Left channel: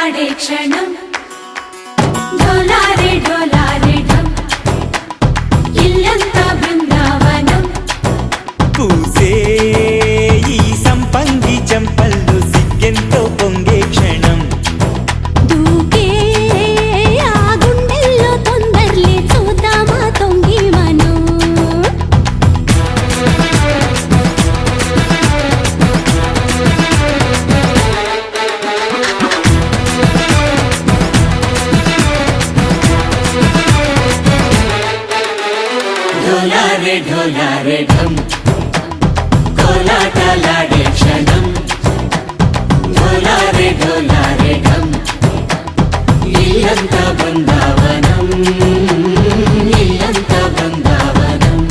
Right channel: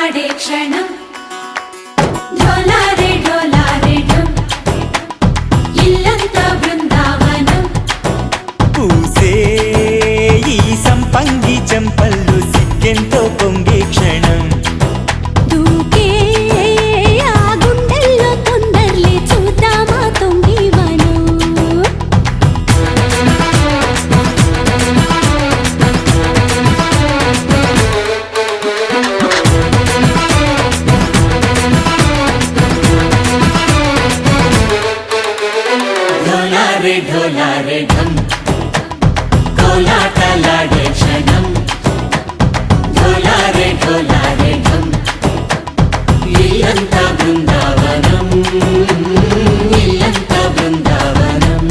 కోలాటలాడే క్షణం ఢోలారే ఢోలారే ఢం ఇల్లంతా బృందావనం పూసే ఈ సంపంగి చెంపల్లో సిగ్గెంతో పొంగే క్షణం దూకే ఆ గుండెల్లో తొందరలే చూద్దామా తొంగి మనం ఢోలారే ఢోలారే ఢం కోలాటలాడే క్షణం ఢోలారే ఢోలారే ఢం ఇల్లంతా బృందావనం ఇల్లంతా బృందావనం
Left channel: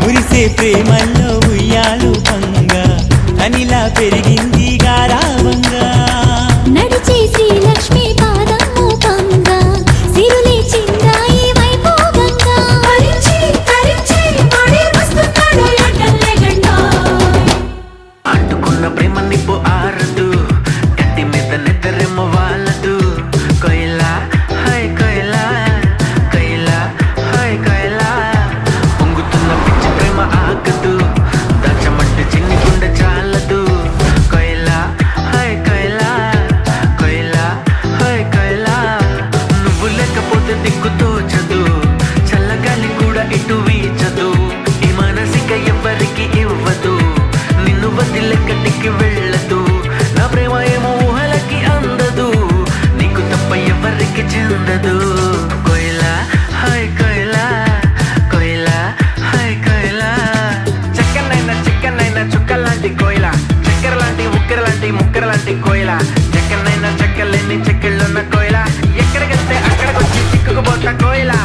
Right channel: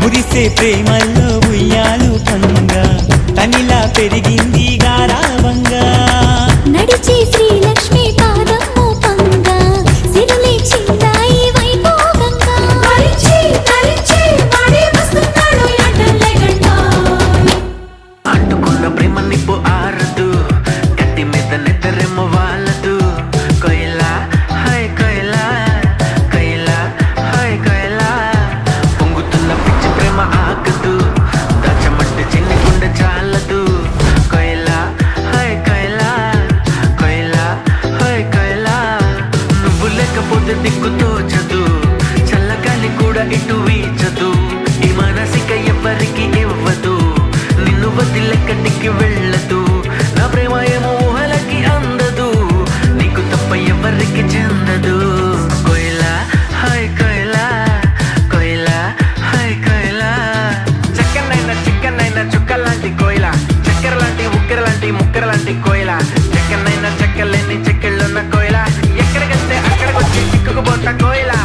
మురిసే ప్రేమల్లో ఉయ్యాలు పంగా తనిలా పెరిగింది గారావంగా నడిచే శ్రీలక్ష్మి పాదము పంగా సిల్లే చిందాయి వైభోగంగా పరిచి పరిచి వాడే వస్తున్నాడు ఎట్టలే గంట అంటుకున్న ప్రేమ నిప్పు ఆరదు గట్టి మీద నిద్రెమ్మ వాళ్ళదు కొయిలా హై కొయిలా కొయిలా హై కొయిలా పొంగుతున్న పిచ్చి ప్రేమ ఆగదు దాచమంటే చిన్ని గుండె చాలదు కొయిలా హై కొయిలా కొయిలా హై కొయిలా నువ్వు లేకపోతే దిక్కు తోచదు చల్లగాలి కూడా ఇటు వీచదు ఈ మనసిక ఎవ్వరికి ఇవ్వదు నిన్ను వదిలెక్కడికి వెళ్ళదు నా ప్రేమ ఏమో ఊహలకి అందదు నీకు తప్ప ఎవరికి చెందదు కొయిలా హై కొయిలా కొయిలా హై కొయిలా చక్కనైనా చిక్కనైనా చుక్క లాంటి కోయిలా చక్కెర లాంటి ఉక్కెర లాంటి ముక్కెర లాంటి కోయిలా చక్కనైనా చెక్కలేని చెక్కిళ్ళున్న కోయిలా ఎక్కడికెళ్తే అక్కడికొచ్చి చిక్కుకుపోతా కోయిలా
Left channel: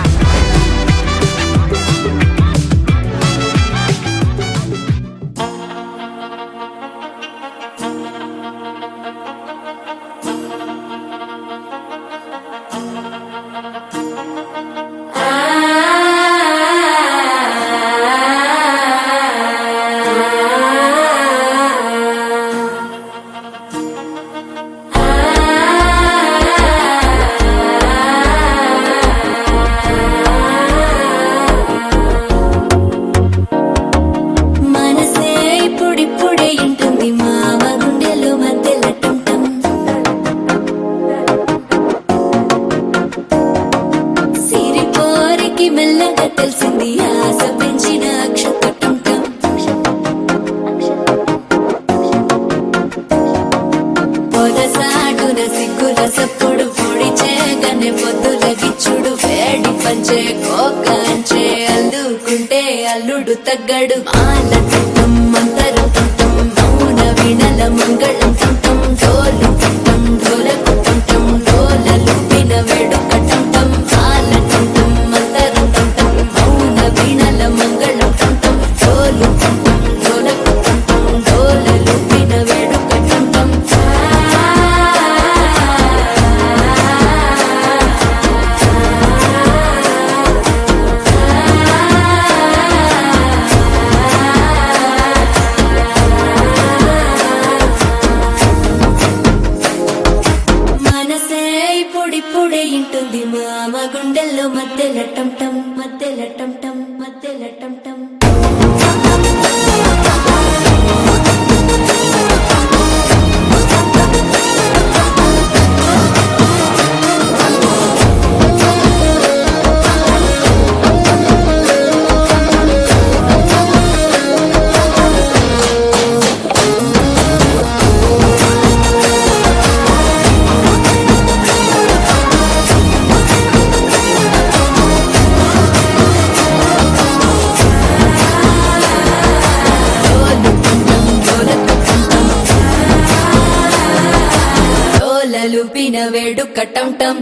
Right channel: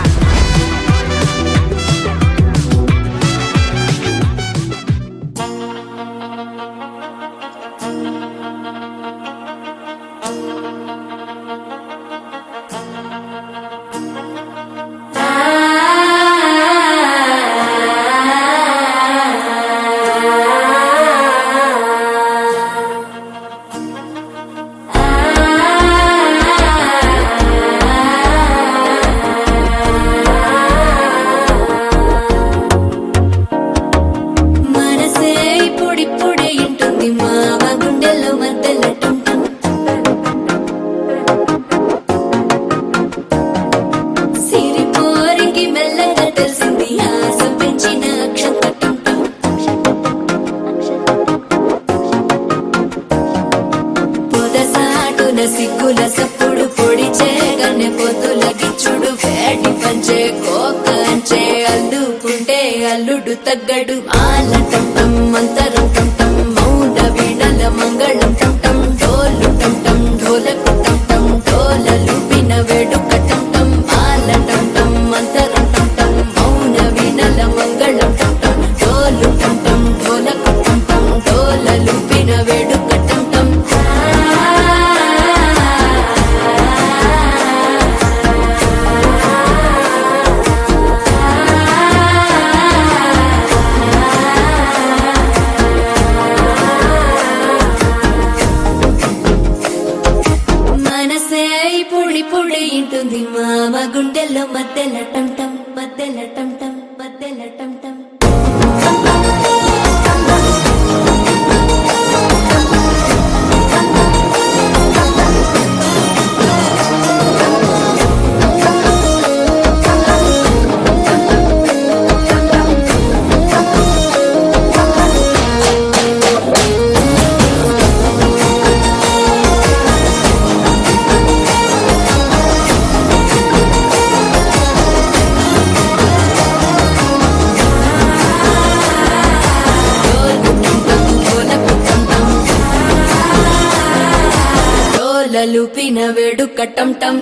లుపిన వేడుక టం టం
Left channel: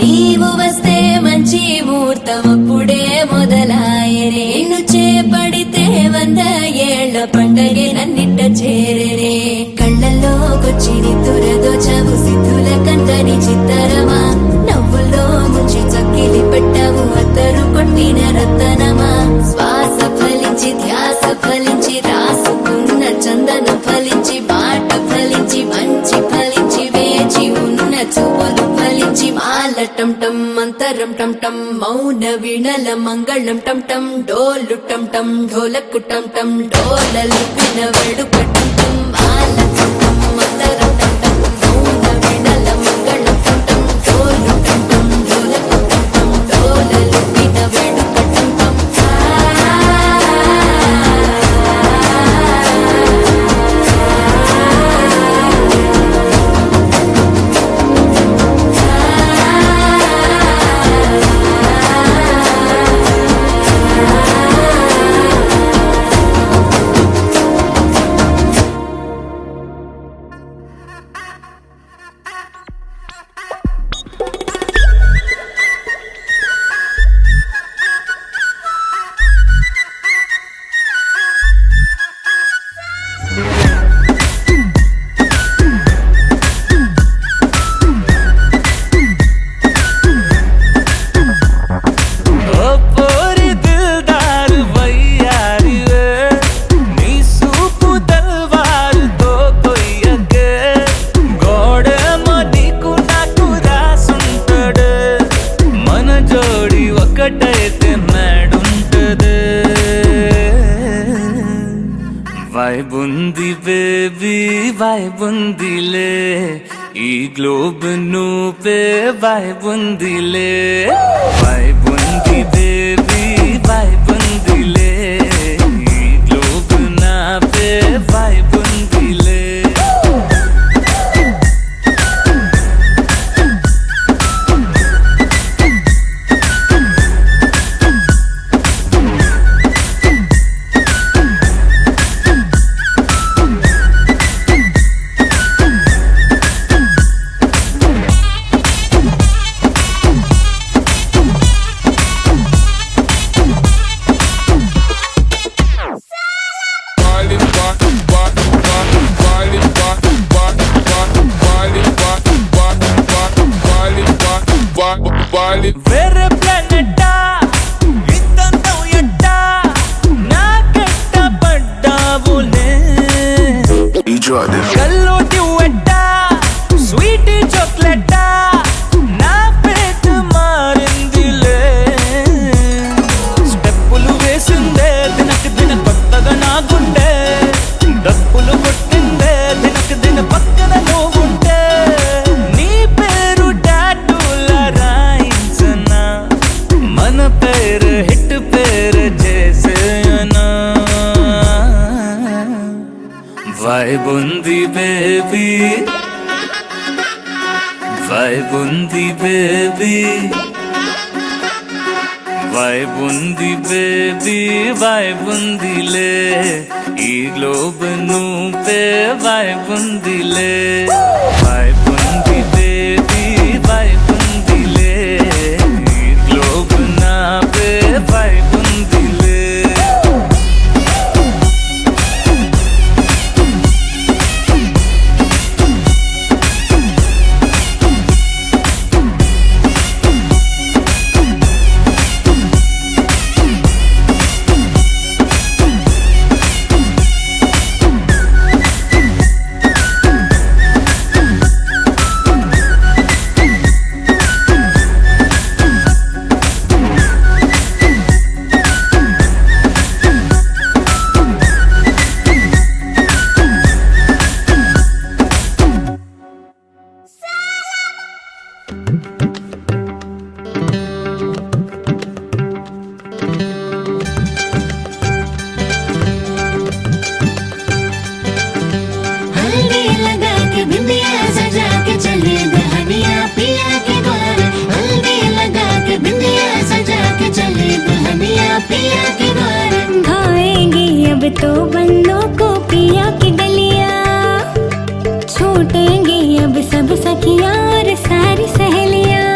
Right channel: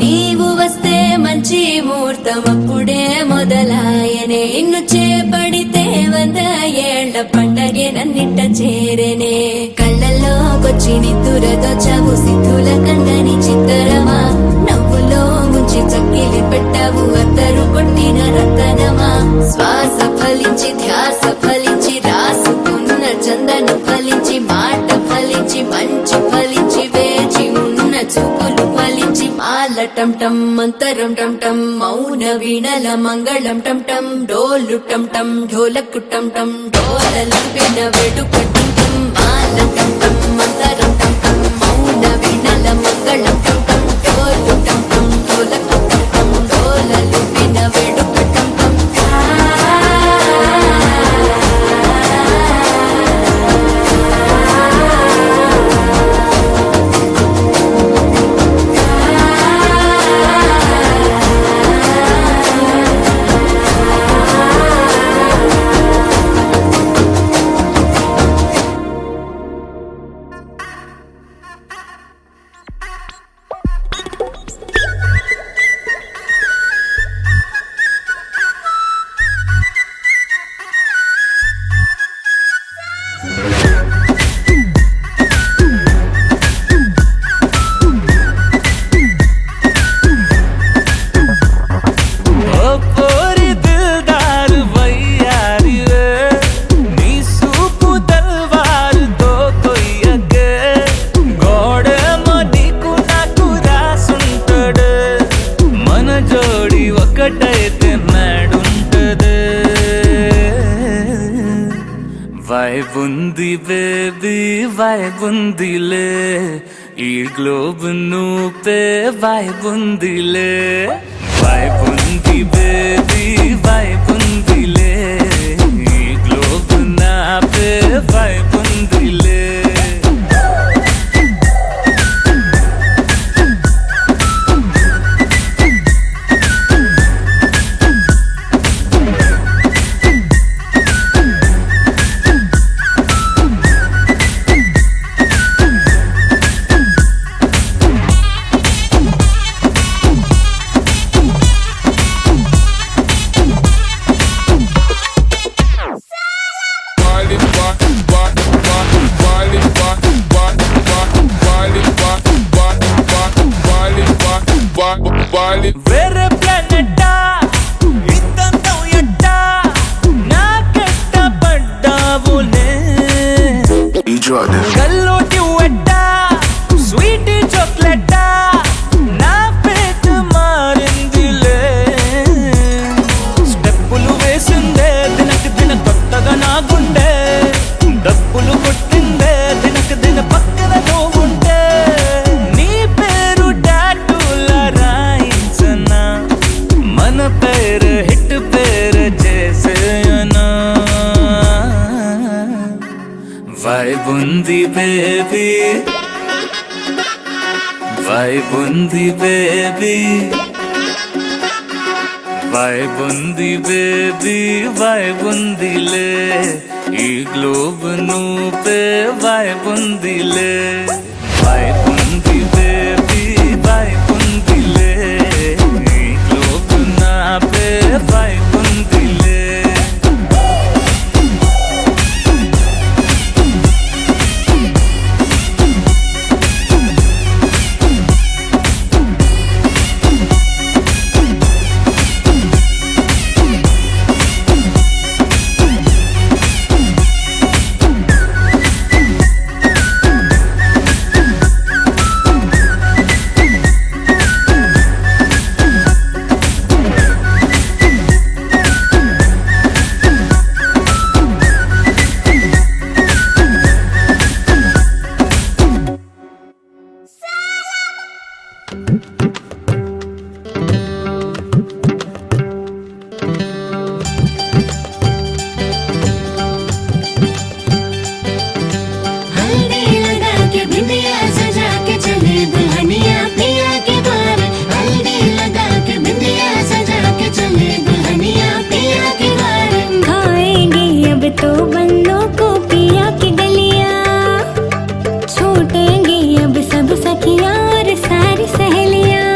నీవు వస్తే మంచి ముహూర్తం అప్పుడే మొదలాయనే నిన్ను చేపడితే 100 ఏళ్ల పండగే నన్నిట్ట చేరేనే కళ్ళల్లోకొచ్చి నిద్దురదోచావు సిద్ధుల కందని చిత్తరమా నవ్వులో ముంచి చక్కిలి పెట్టావు అద్దరు కొట్టిన రతనమా శ్వాస ఫలించి ధ్యాస ఫలించి రాసుకున్న చందన ఫలించి మాట ఫలించి మంచి ఫలించి వేచి ఉన్న చూపులు ఫలించి మాల టం టం మంతరం టం టం మౌన వీణల మంగళం టం టం డోలు టం టం ఢోలకు టం టం డోలలు విన వేడుక టం టం మాల టం టం మంతరం టం టం మౌన వీణల మంగళం టం టం డోలు టం టం ఢోలకు టం టం డోలలు విన వేడుక టం టం ओ पोरी दिलदार वैयारी वे नी सूपु तलवार తో కొయ్యకే గోడేమో నీకు నాకు రాసుంటాడు మన జోడి ఒకటైతే నాడుంటది వైబుంది బేబీ వైబుందిలే ఈ గ్లోబ్ నువ్వే వైబుందిలే వైబుంది బేబీ వైబుందిలే ఈ గ్లోబ్ నావే వైబుందిలే వేరే ప్లానెట్టా ఇద్దంతం ఎట్టా నాకెట్ట పడ్డావులే కల్లోటి వెట్టా స్వీటీ చాక్లెట్టా నా పేట మారిందిలే స్టెప్పులు వేసిందే దినకు దిన కొత్తగా నా గుండె డప్పులు కొట్టిందే దినకు దిన పక్కన నువ్వుంటే నీ పేరు టాటూల రాయించనా మన పేరు హిట్ పేరు చేసేయనా వైబుంది బేబీ వైబుంది బేబీ వైబుంది బేబీ వైబుందిలే ఈ గ్లోబ్ నువ్వే వైబుందిలే వైబుంది బేబీ వైబుందిలే ఈ గ్లోబ్ నావే వైబుందిలే तो बंदों को पिया की गलियां, छूटेंगी अब सब सखियां और सारी सहेलियां।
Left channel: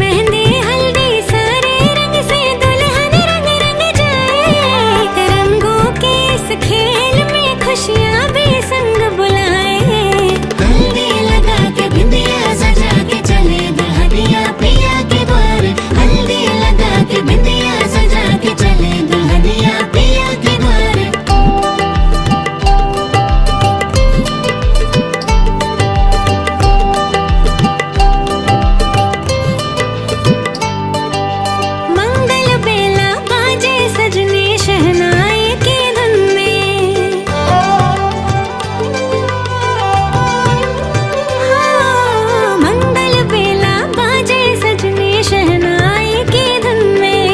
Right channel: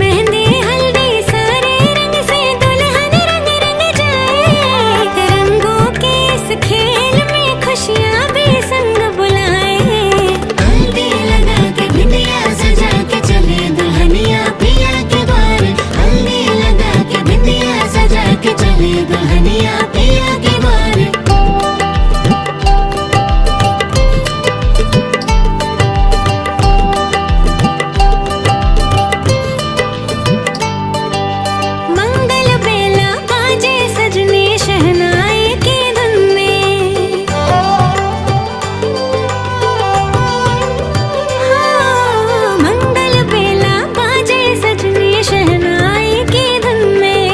मेहंदी हल्दी सारे रंग से दुल्हन रंग रंग जाए, रंगों के इस खेल में खुशियां भी संग बुलाए। हल्दी लगा के बिंदिया सजा के चले दुल्हनिया पिया के द्वार, हल्दी लगा के बिंदिया सजा के चले दुल्हनिया पिया के द्वार। मंगल बेला बाजे सजने शहनाई की धुन में, हाँ, मंगल बेला बाजे सजने शहनाई की धुन में।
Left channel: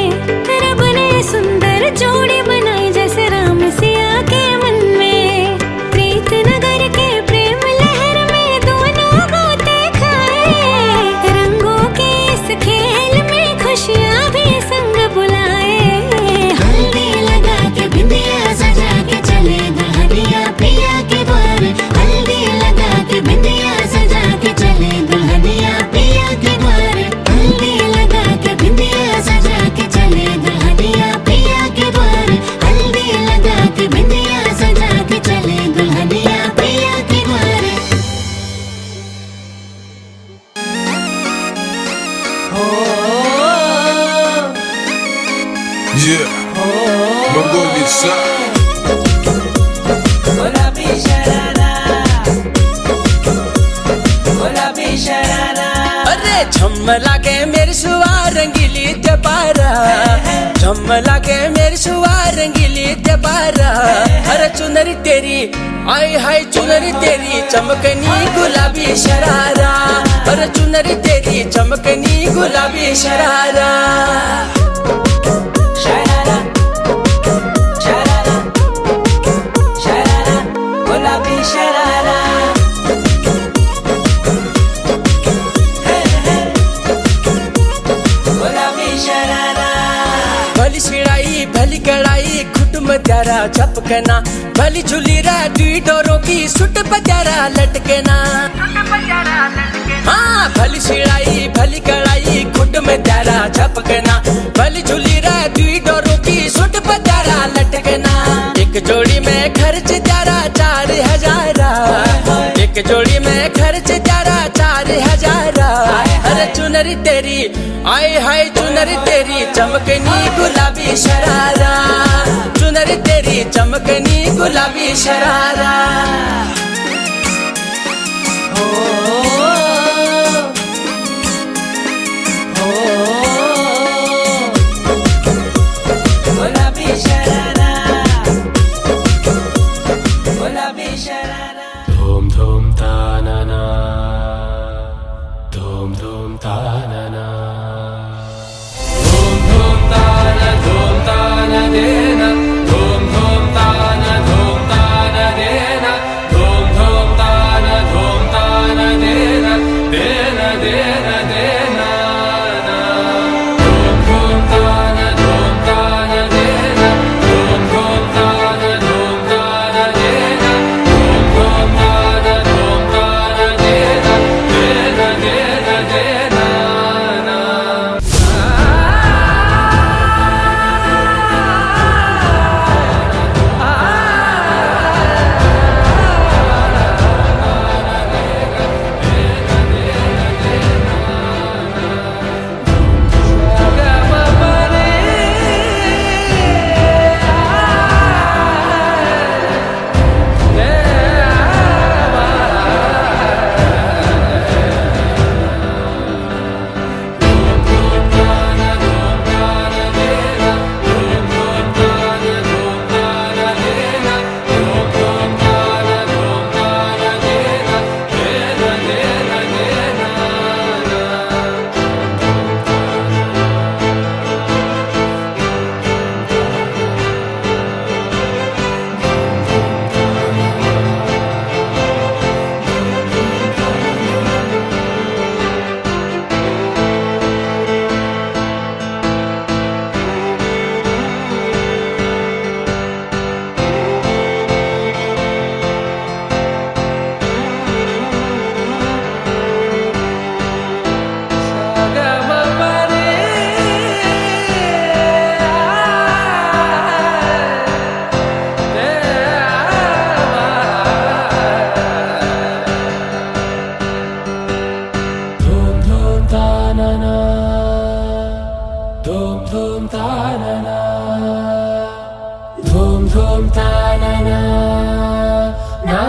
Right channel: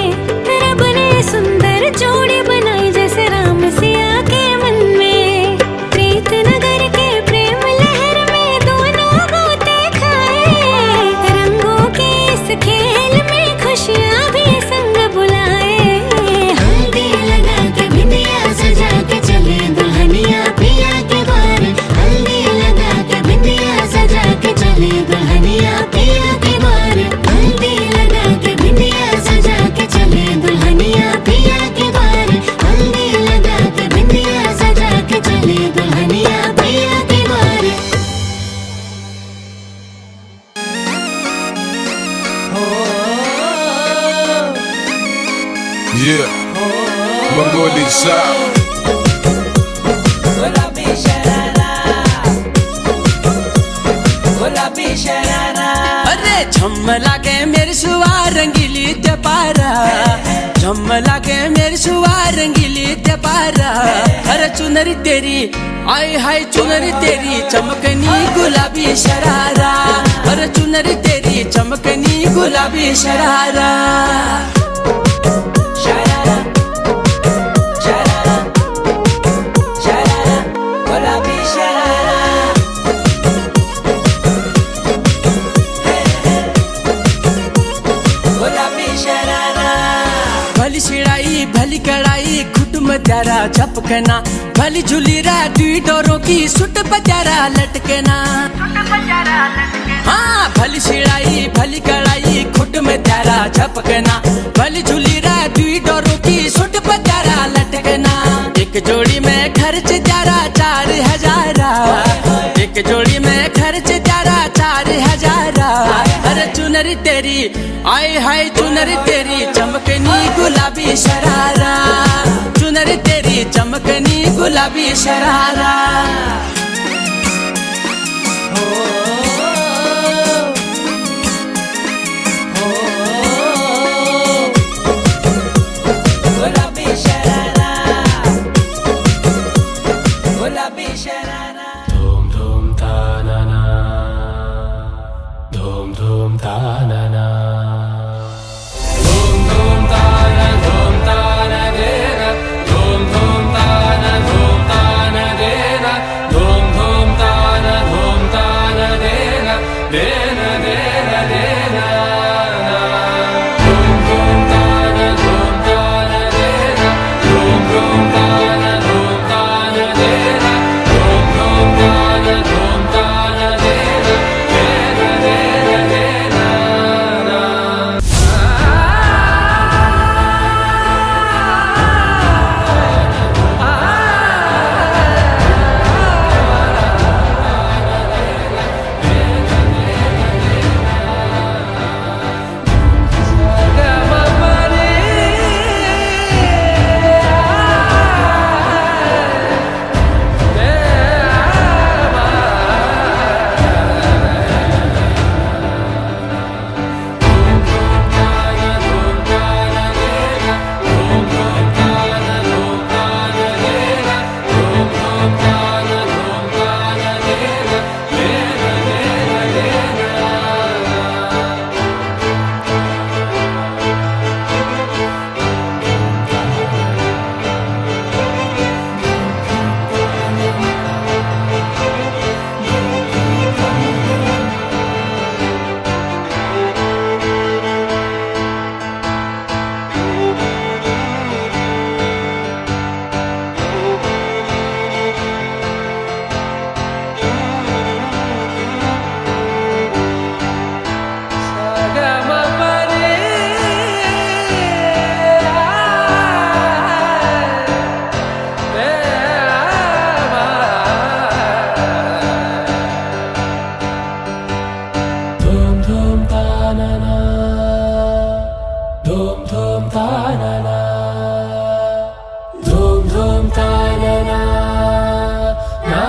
रब ने सुंदर जोड़ी बनाई जैसे राम सिया के मन में। प्रीत नगर के प्रेम लहर में दोनों गोते खाए, रंगों के इस खेल में खुशियां भी संग बुलाए। हल्दी लगा के बिंदिया सजा के चले दुल्हनिया पिया के द्वार, हल्दी लगा के बिंदिया सजा के चले दुल्हनिया पिया के द्वार, हल्दी लगा के बिंदिया सजा के चले दुल्हनिया पिया के द्वार, हल्दी लगा के बिंदिया सजा के चले दुल्हनिया पिया के द्वार। Yeah, my boy this side. अरे झम लागे मेरी सुवार रंगीली ते पारा, झम लागे मेरी सुवार रंगीली ते पारा। अरे चुनरी तेरी आई हाय चुनरी तेरी चमकनी गुलाबी शरारा, अरे चुनरी तेरी चमकनी गुलाबी शरारा। भली छिड़ाई भली कड़ाई खुट में त्यारा झपकना, भली झूली रा दुई डोरों की सुट पत्यारा लटकना। हाँ भली छिड़ाई भली कड़ाई खुट में त्यारा झपकना, भली झूली रा दुई डोरों की सुट पत्यारा लटकना। एक जोड़ी में खर्च त्यारा 4,000, एक जोड़ी में खर्च त्यारा 4,000। अरे चुनरी तेरी आई हाय चुनरी तेरी चमकनी गुलाबी शरारा, चुनरी तेरी चमकनी गुलाबी शरारा। धूम धूम ताना ना, धूम धूम ताना ना, धूम धूम ताना देना, धूम धूम ताना देना, धूम धूम ताना देना, देना देना देना ना। धूम धूम ताना देना, धूम धूम ताना देना, धूम धूम ताना देना, देना देना देना ना। ధూమ్ తాననా ధూమ్ ధూమ్ తాననా నా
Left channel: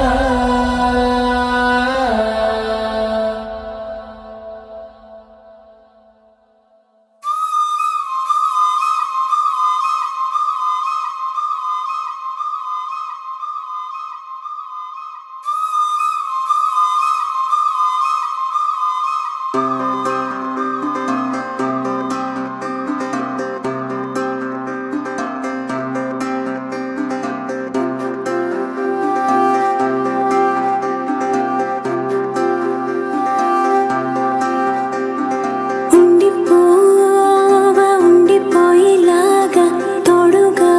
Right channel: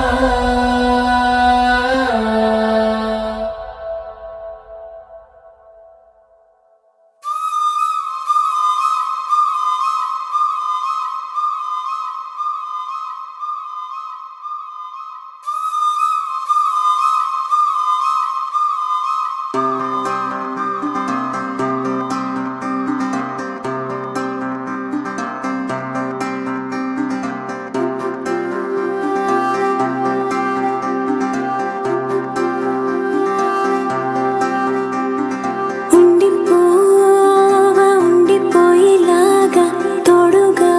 ఉండిపోవా ఉండిపోయేలాగా తోడుగా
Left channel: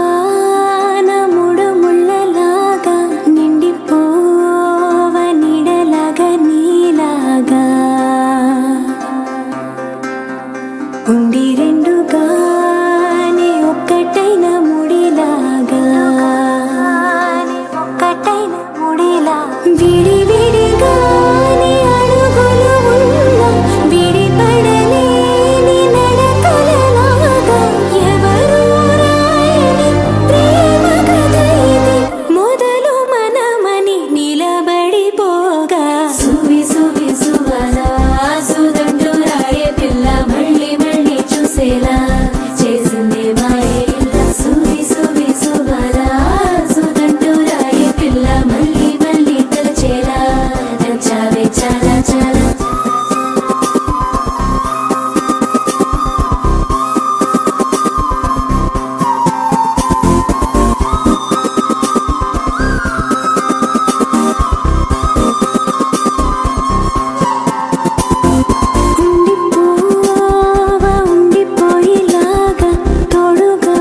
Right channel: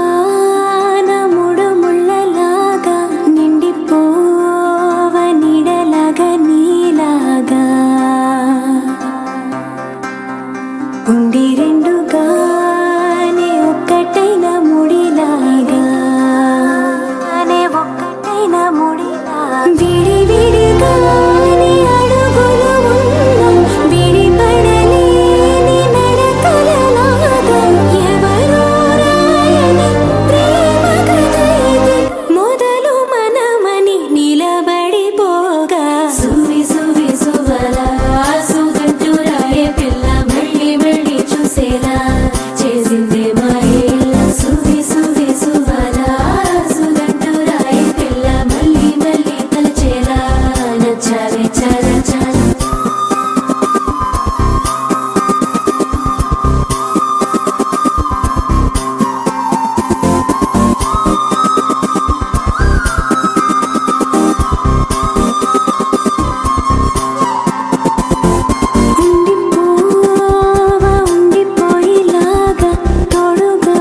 నా మూడు ముళ్ళలాగా నిండిపోవా నీడలాగా నీలాగా ఉండి రెండుగానే ఒక్కటైన ముడిలాగా ఒక్కటైన ముడిలా విడి విడిగానే అడుగులు ఉన్నా విడిపడలేని నడకలలాగా ఎవరూ రాయని ప్రేమ కథ ఇది మొదలు మనమని నిలబడిపోగా సువి సువి సువలా సుదండు రాయే పిల్ల మళ్ళీ మళ్ళీ చూసేలా చేసింది మాయేలా సువి సువి సువలా సుదండు రాయే పిల్ల మళ్ళీ మళ్ళీ తలచేలా నచ్చావే చాలా చాలా ఉండిపోవా ఉండిపోయేలాగా తోడుగా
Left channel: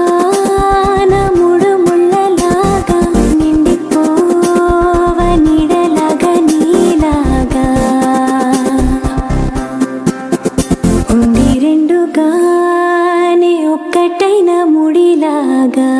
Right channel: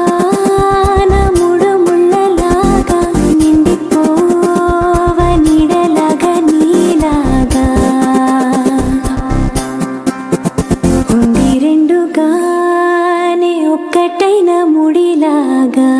నా మూడు ముళ్ళలాగా నిండిపోవా నీడలాగా నీలాగా ఉండి రెండుగానే ఒక్కటైన ముడిలాగా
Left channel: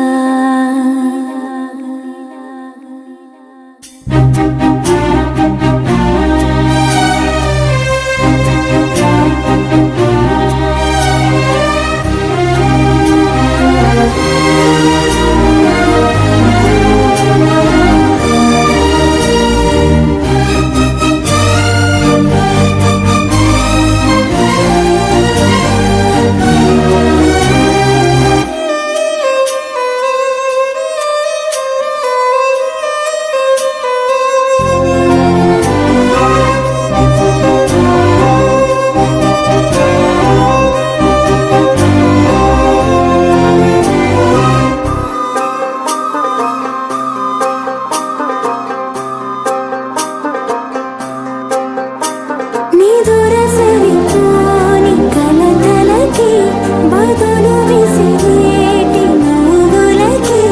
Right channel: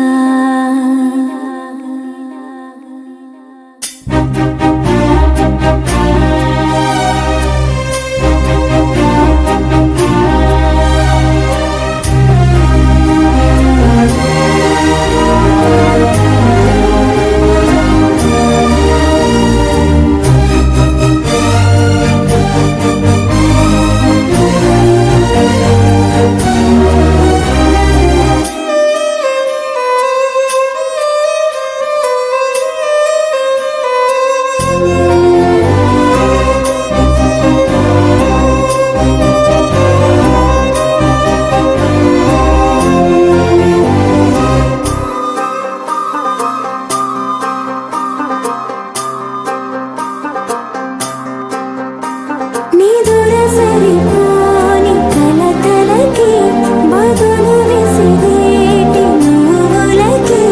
నీ దూరసరిపోని కలతలకి బదులు విసిరేటి నువ్వులకి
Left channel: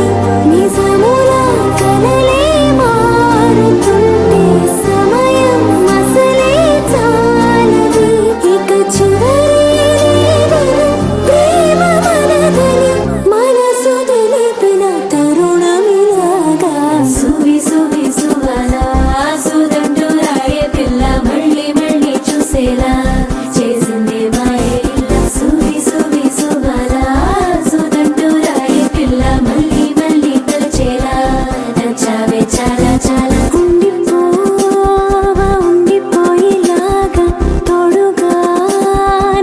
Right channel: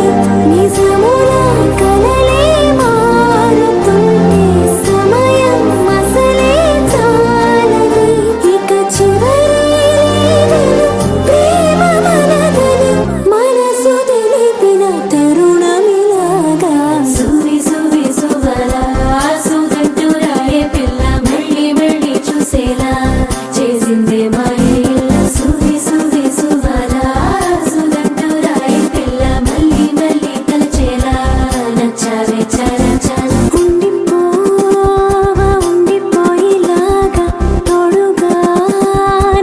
నిజముల కలలే మారుతుంటే సమయం అసలే చాలది ఇక చివరి లేదని ప్రేమ మనదని మనసు తెలిపిన తరుణమిలాగా సువి సువి సువలా సుదండు రాయే పిల్ల మళ్ళీ మళ్ళీ చూసేలా చేసింది మాయేలా సువి సువి సువలా సుదండు రాయే పిల్ల మళ్ళీ మళ్ళీ తలచేలా నచ్చావే చాలా చాలా ఉండిపోవా ఉండిపోయేలాగా తోడుగా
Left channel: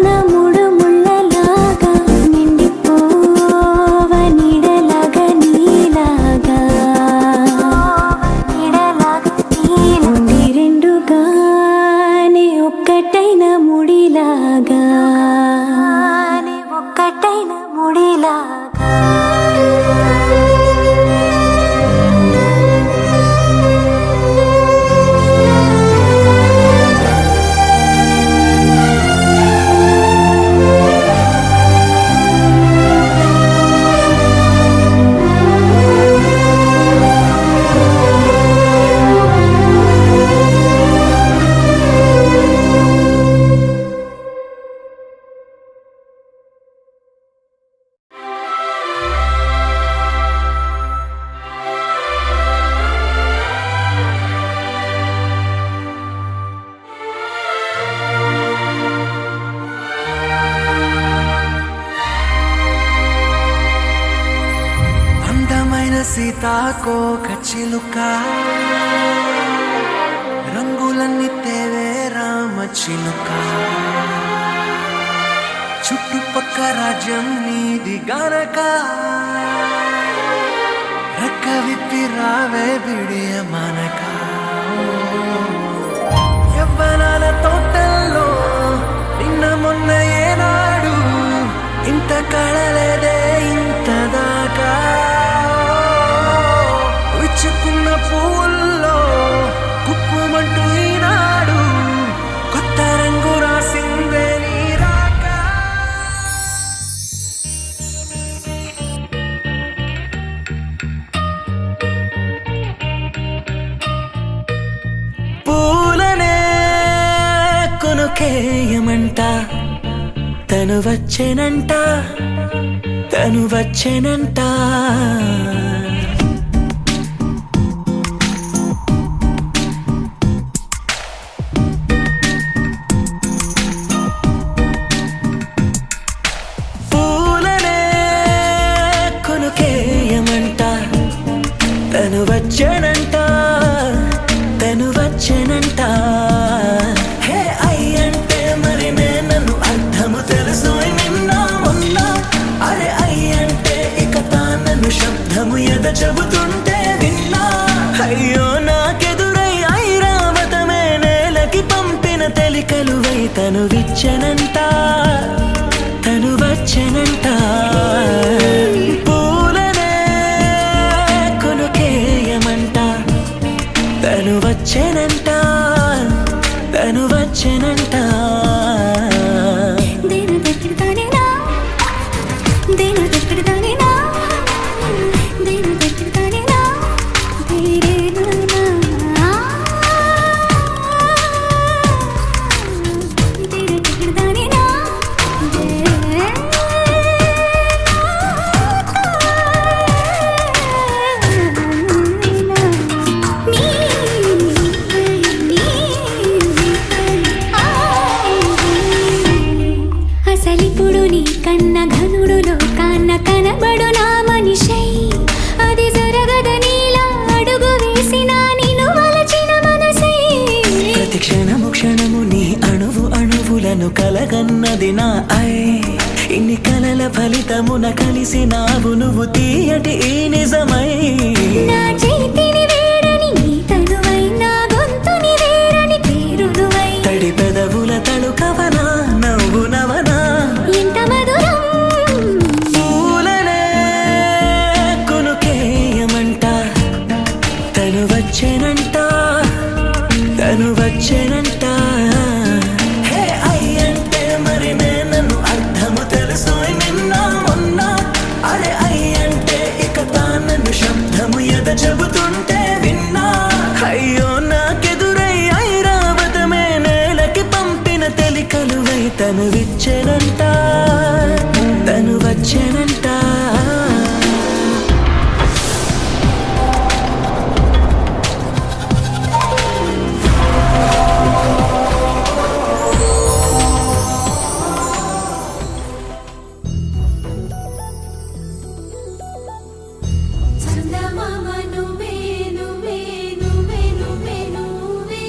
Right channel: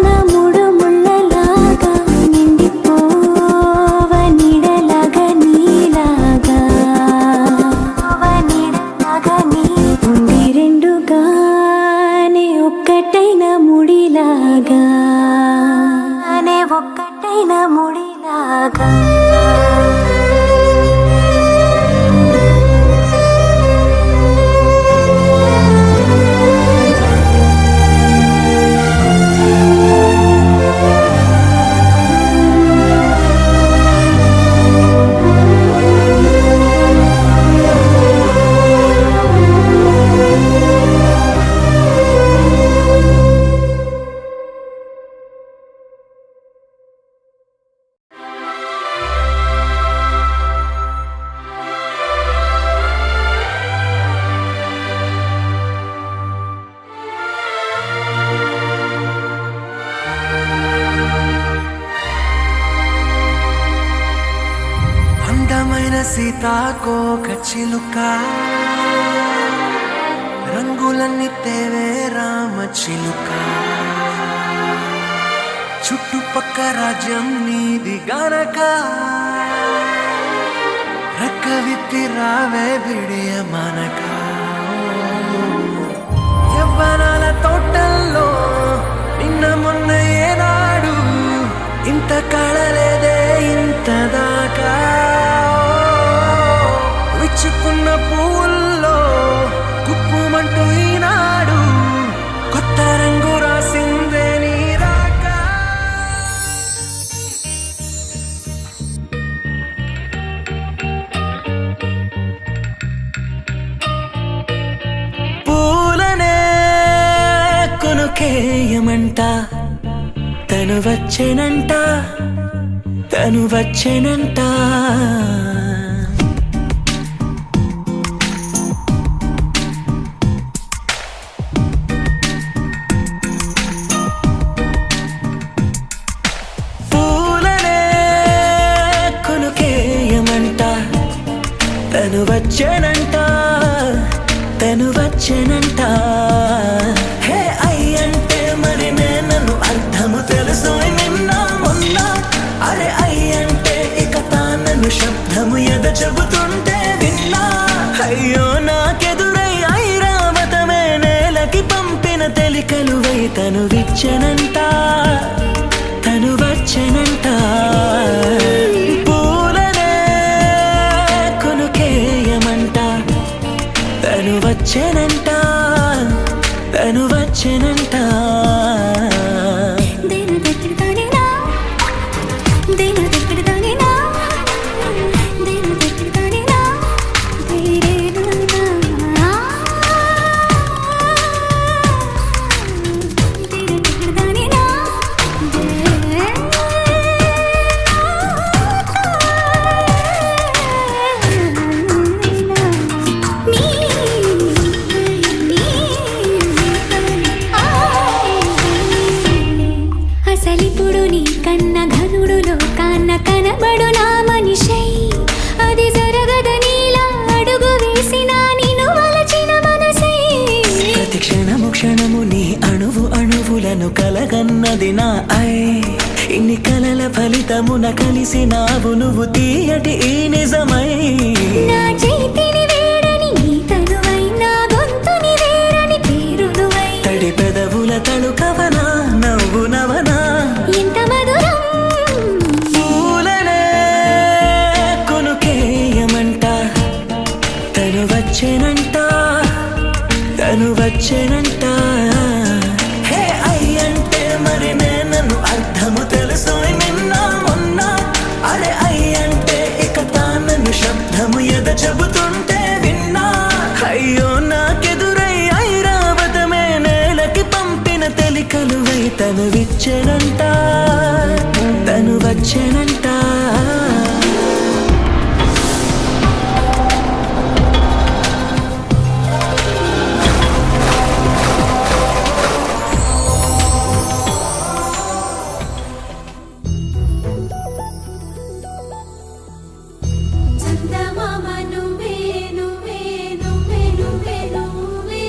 నా మూడు ముళ్ళలాగా నిండిపోవా నీడలాగా నీలాగా ఉండి రెండుగానే ఒక్కటైన ముడిలాగా ఒక్కటైన ముడిలాగా సీతాకోక చిలుక రంగులన్నీ తేవే రామ చిలుక చుట్టుపక్క రాజ్యం నీది గనక రెక్క విప్పి రావే బిడియ మనక యవ్వనాల తోటల్లో నిన్న మొన్న ఏనాడు ఇంత కళలేదే ఇంత దాకా విచ్చుకున్న పూల్లో కుప్పుమంటూ ఈనాడు కొత్త రంగు రాసిందే నీ రాక పూలనే కొనుకేయమంట తను వచ్చేనంట తను వచ్చేనంట పూలనే కొనుకేయమంట తను వచ్చేనంట తను వచ్చేనంట హే అయ్యంటే మరి నన్ను అర్థము తెలుసు నిన్న మొన్న అరే అయ్యంటే ఇక తానను శబ్దము ఎద చెబుతుంటే విన్నా అయ్యో నాకెదురై ఐరావతమే నేలకి పంపిన తెలికలువై తను విచ్చెనంట తను వచ్చెనంట పూలనే కొనుకేయమంట తను వచ్చెనంట తను వచ్చెనంట దేన దగ్గరదానేనా దేన దగ్గరదానేనా దేన దగ్గరదానేనా దేరేనా దేన దగ్గరదానేనా అసలిప్పుడు నీ కన్న ఘనుడులో కాన్న కనబడు నా మనిషై అది జరగదనిలా అడుగు వేసిన నిన్ను వలచిన మనసై ప్రతి క్షణము క్షణము నీ అణువు అణువులను కలగన్నది నా ఐ ఇన్ని కలల ఫలితమున కలిసినావు నువ్వు తీయటి ఈ నిజమై నా చేతిని వేరని నీ తనువై నా గొంతుని వేరని పేరునువై తడి పెదవుల తళుకవనా నవ్వు నవనా ఎంత మధురం పూలనే కొనుకేయమంట తను వచ్చేనంట తను వచ్చేనంట హే అయ్యంటే మరి నన్ను అర్థము తెలుసు నిన్న మొన్న అరే అయ్యంటే ఇక తానను శబ్దము ఎద చెబుతుంటే విన్నా అయ్యో నాకెదురై ఐరావతమే నేలకి పంపిన తెలికలువై తను విచ్చెనంట తను వచ్చెనంట చందమామ నువ్వే నువ్వే నువ్వే నువ్వే నువ్వే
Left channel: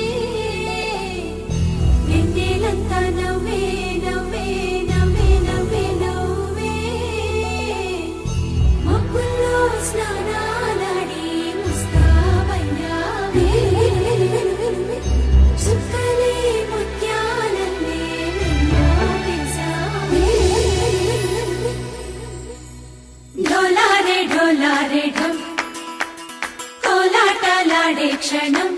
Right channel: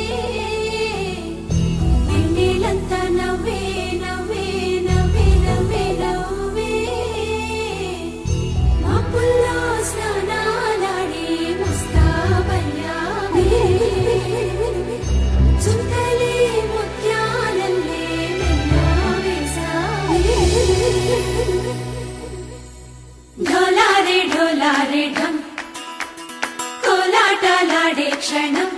వెన్నెలంతా నవ్వే నవ్వే నవ్వే నవ్వే నవ్వే మబ్బుల్లో స్నానాలాడి ముస్తాబయ్యావే చుక్కలే ముత్యాలల్లే నిన్ను వేసావే ढोलारे ढोलारे ढम कोलाटलाडे क्षणम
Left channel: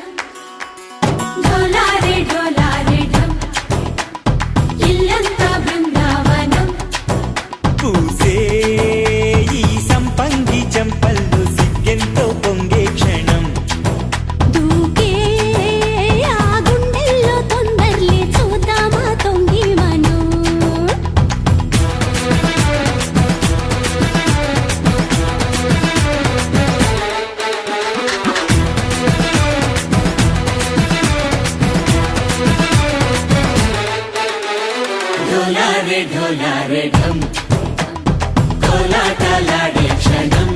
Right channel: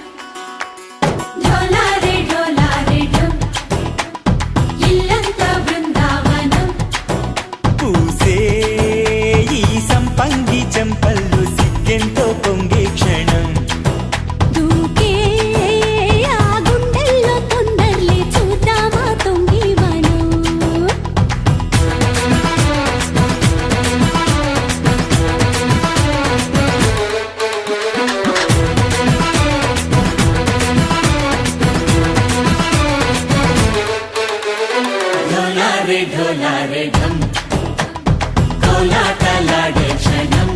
ढोलारे ढोलारे ढम इल्लंत बृंदावनम పూసే ఈ సంపంగి చెంపల్లో సిగ్గెంతో పొంగే క్షణం దూకే ఆ గుండెల్లో తొందల్లి చూద్దామా తొంగి మనం ढोलारे ढोलारे ढम कोलाटलाडे क्षणम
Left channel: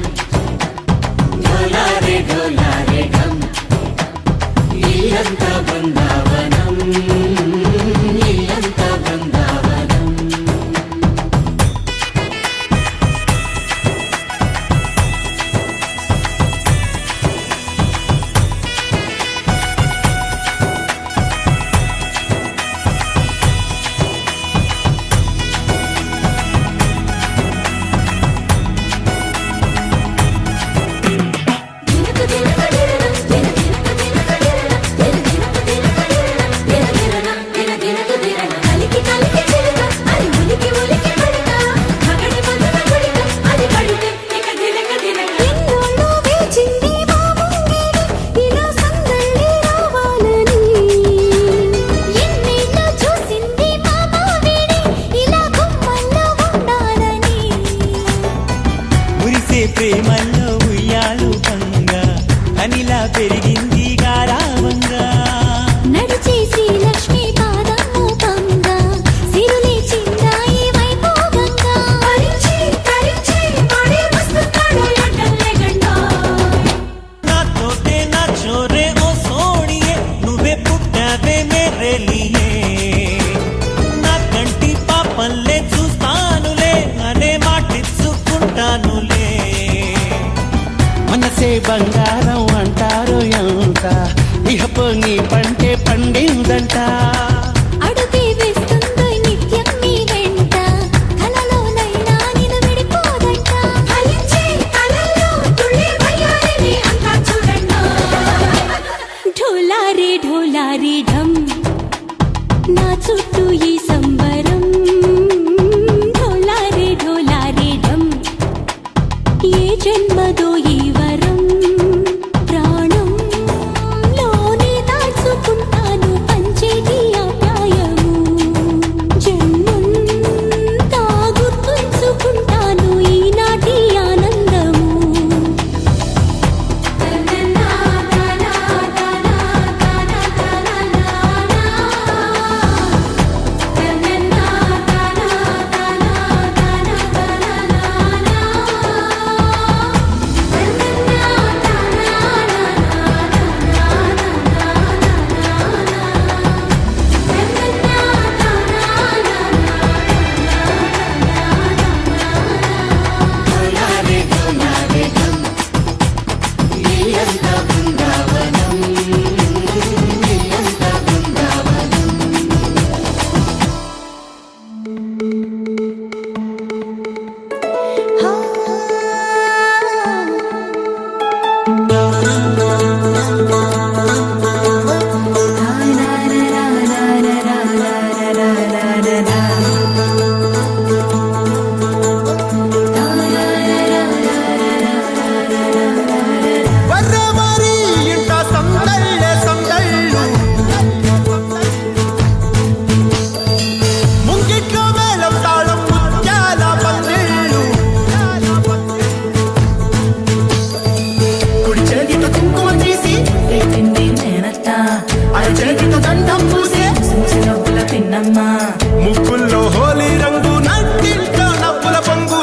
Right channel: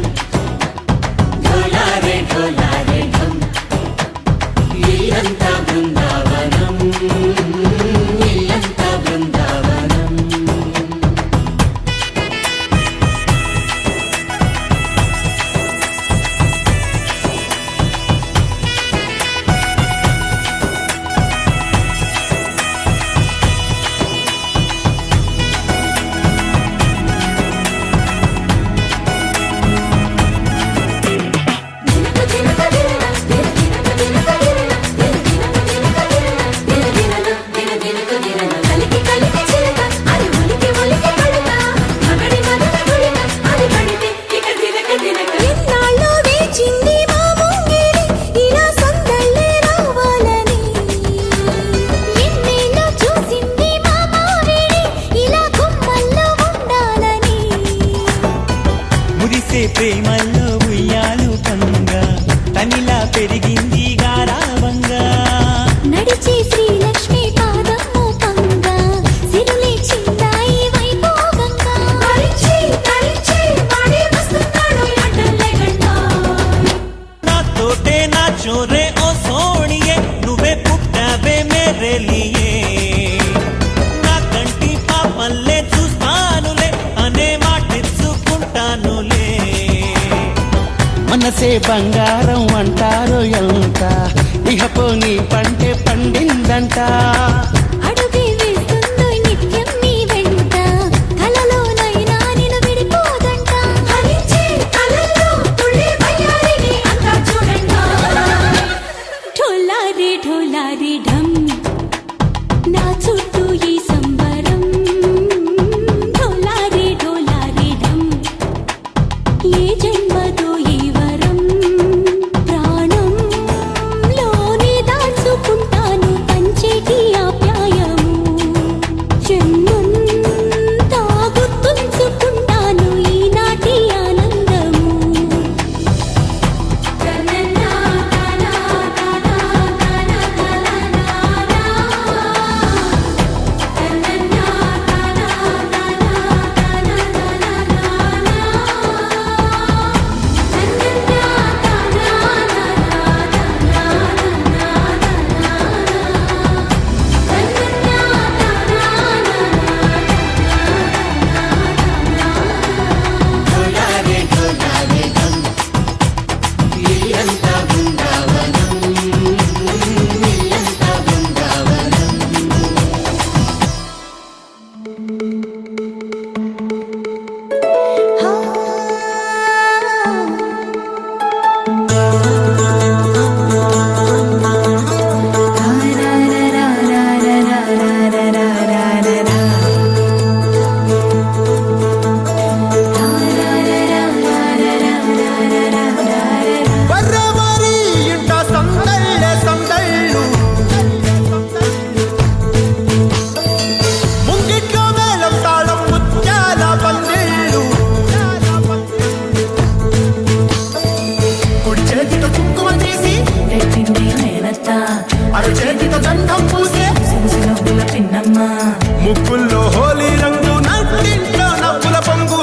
ముక్కుల్లో హోలీ రంగు నట్టింట్లో నవ్వుల పొంగు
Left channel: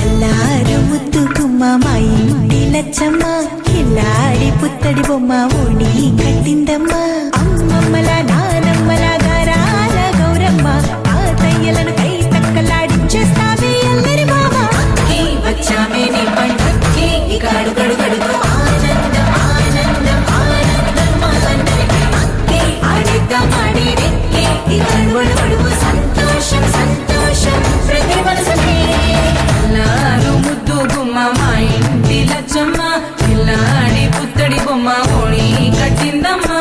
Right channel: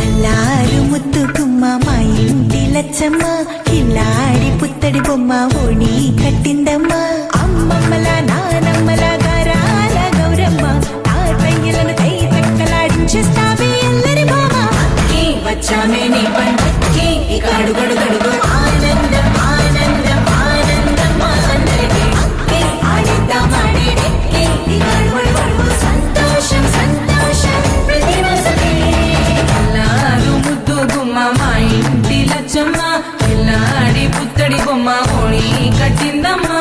అల్లారు ముద్దు గుమ్మ మా ఇంటి లచ్చమ్మ కిల్లాడి పుత్తడి బొమ్మ ఓణి కట్టిందమ్మ అమ్మమ్మల నానమ్మల గారాల గౌరమ్మ తాతయ్యలను తై తక్కలాడించేస్తావే అల్లరి మామ నీ వచ్చామే నీ పండుకి ఇక అడుగడు గడుగు ఆనందం ఆనందం ఆనందం అందరికీ అక్కే ఆడిద్దాం ఆడిడే ఇక అడుగడు గడుగు సంతోషం సంతోషం ప్రతి మనసుకి అల్లారు ముద్దు గుమ్మ మా ఇంటి లచ్చమ్మ పిల్లాడి పుత్తడి బొమ్మ ఓణి కట్టిందమ్మా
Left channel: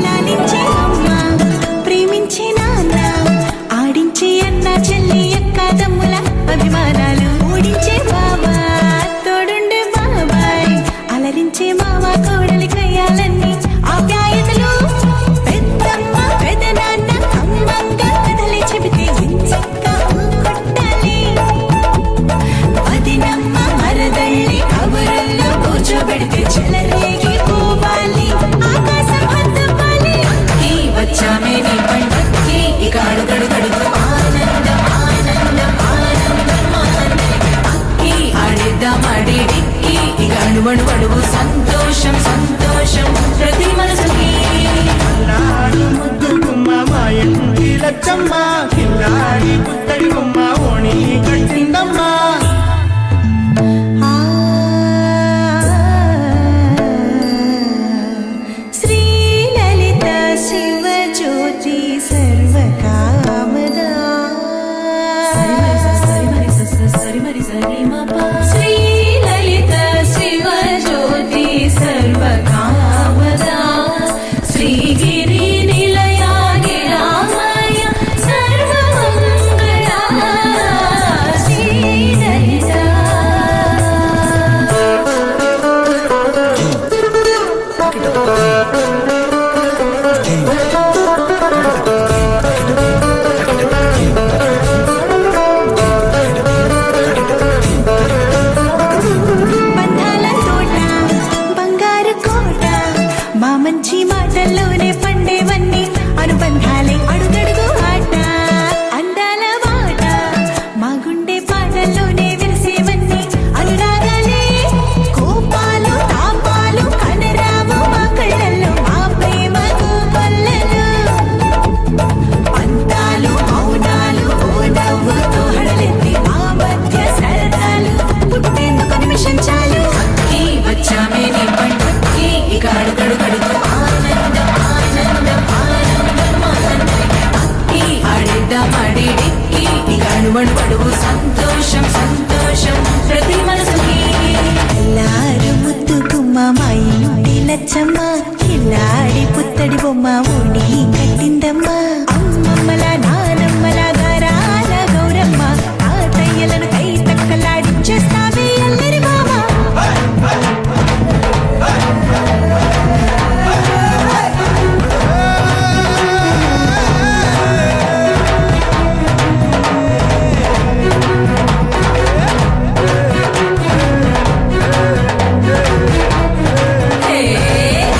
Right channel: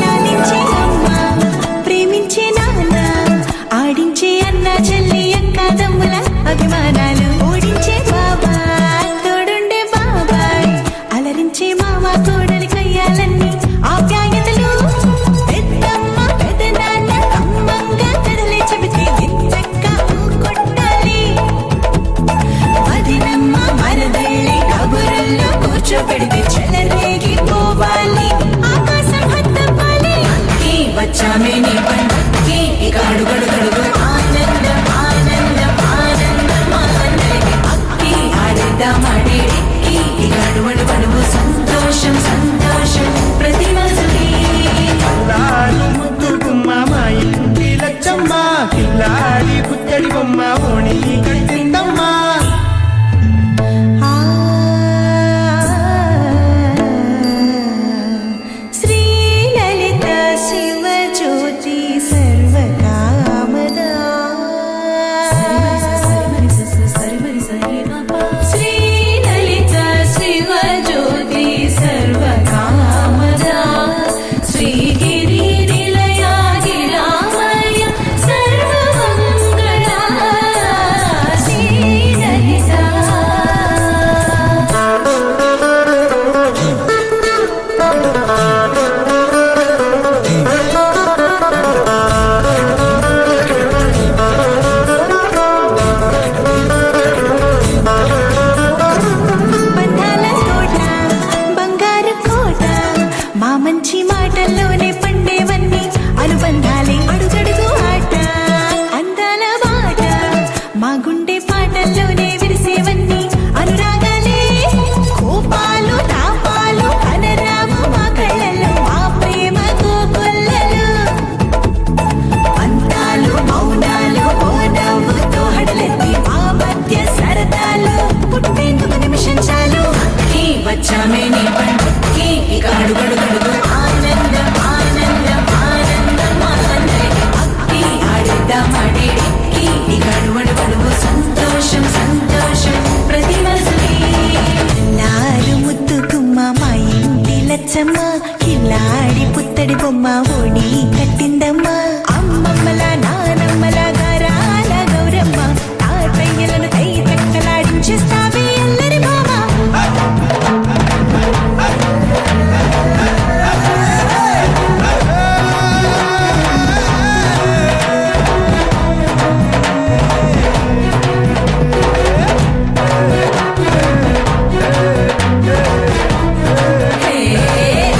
లాలించే అమ్మ ప్రేమించే నాన్న ఆడించే అన్న చెల్లి అక్క తమ్ముల అభిమానాలు ఓడించే బావ తోడుండే బాబాయ్ అలరించే మామ కోడలి కయ్యాలన్నీ ఆప్యాయతలు పెద్దమ్మ పెదనాన్న అమ్మంగా కథలే చెబితే వించక్క కొట్టాలి వదినమ్మ మరదళ్ళి కబురుల్లో కూర్చోబెడితే చెలరేగి పోవాలి ఆకాశం పెద్దవాలి అన్నీ వచ్చామే నీ పండుకి ఇక అడుగడు గడుగు ఆనందం ఆనందం ఆనందం అందరికీ అక్కి ఆడిద్దాం ఆడేడి ఇక అడుగడు గడుగు సంతోషం సంతోషం ప్రతి మనసుకి అల్లారు ముద్దు గుమ్మ మా ఇంటి లచ్చమ్మ కిల్లాడి పుత్తడి బొమ్మ ఓణి కట్టిందమ్మ శ్రీలలిత శివజ్యోతి సర్వకామదా శ్రీలలిత శివజ్యోతి సర్వకామదా శ్రీగిరి నిలయా గిరామయ సర్వమంగళా శ్రీలలిత బంధాల కోట బంగారు కోట మా మంచి మాటల్లోనే పండేవన్నీ అనుబంధాలే అడుగడుగు ఆట అందాల మాట మా గుండె పాటల్లోనే విరిసేవన్నీ అనురాగాలే కోపాలు తాపాలు కనరావు మా కళ్ళల్లో మా ప్రేమ కోకొల్లలు అంతాలు మౌనాలు ఓ నవ్వుతో హడలెత్తి మా మధ్య సరదాలు పుట్టేందుకు నిమిషం చాలు అక్కి వచ్చామే నీ పండుకి ఇక అడుగడు గడుగు ఆనందం ఆనందం ఆనందం అందరికీ అక్కి ఆడిద్దాం ఆడేడి ఇక అడుగడు గడుగు సంతోషం సంతోషం ప్రతి మనసుకి అల్లారు ముద్దు గుమ్మ మా ఇంటి లచ్చమ్మ కిల్లాడి పుత్తడి బొమ్మ ఓణి కట్టిందమ్మ అమ్మమ్మల నానమ్మల గారాల గౌరమ్మ తాతయ్యలను తై తక్కలాడించేస్తావే అల్లరి మామ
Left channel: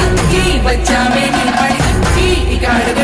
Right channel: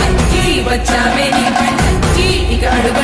అక్కి వచ్చామే నీ పండుకి ఇక అడుగడు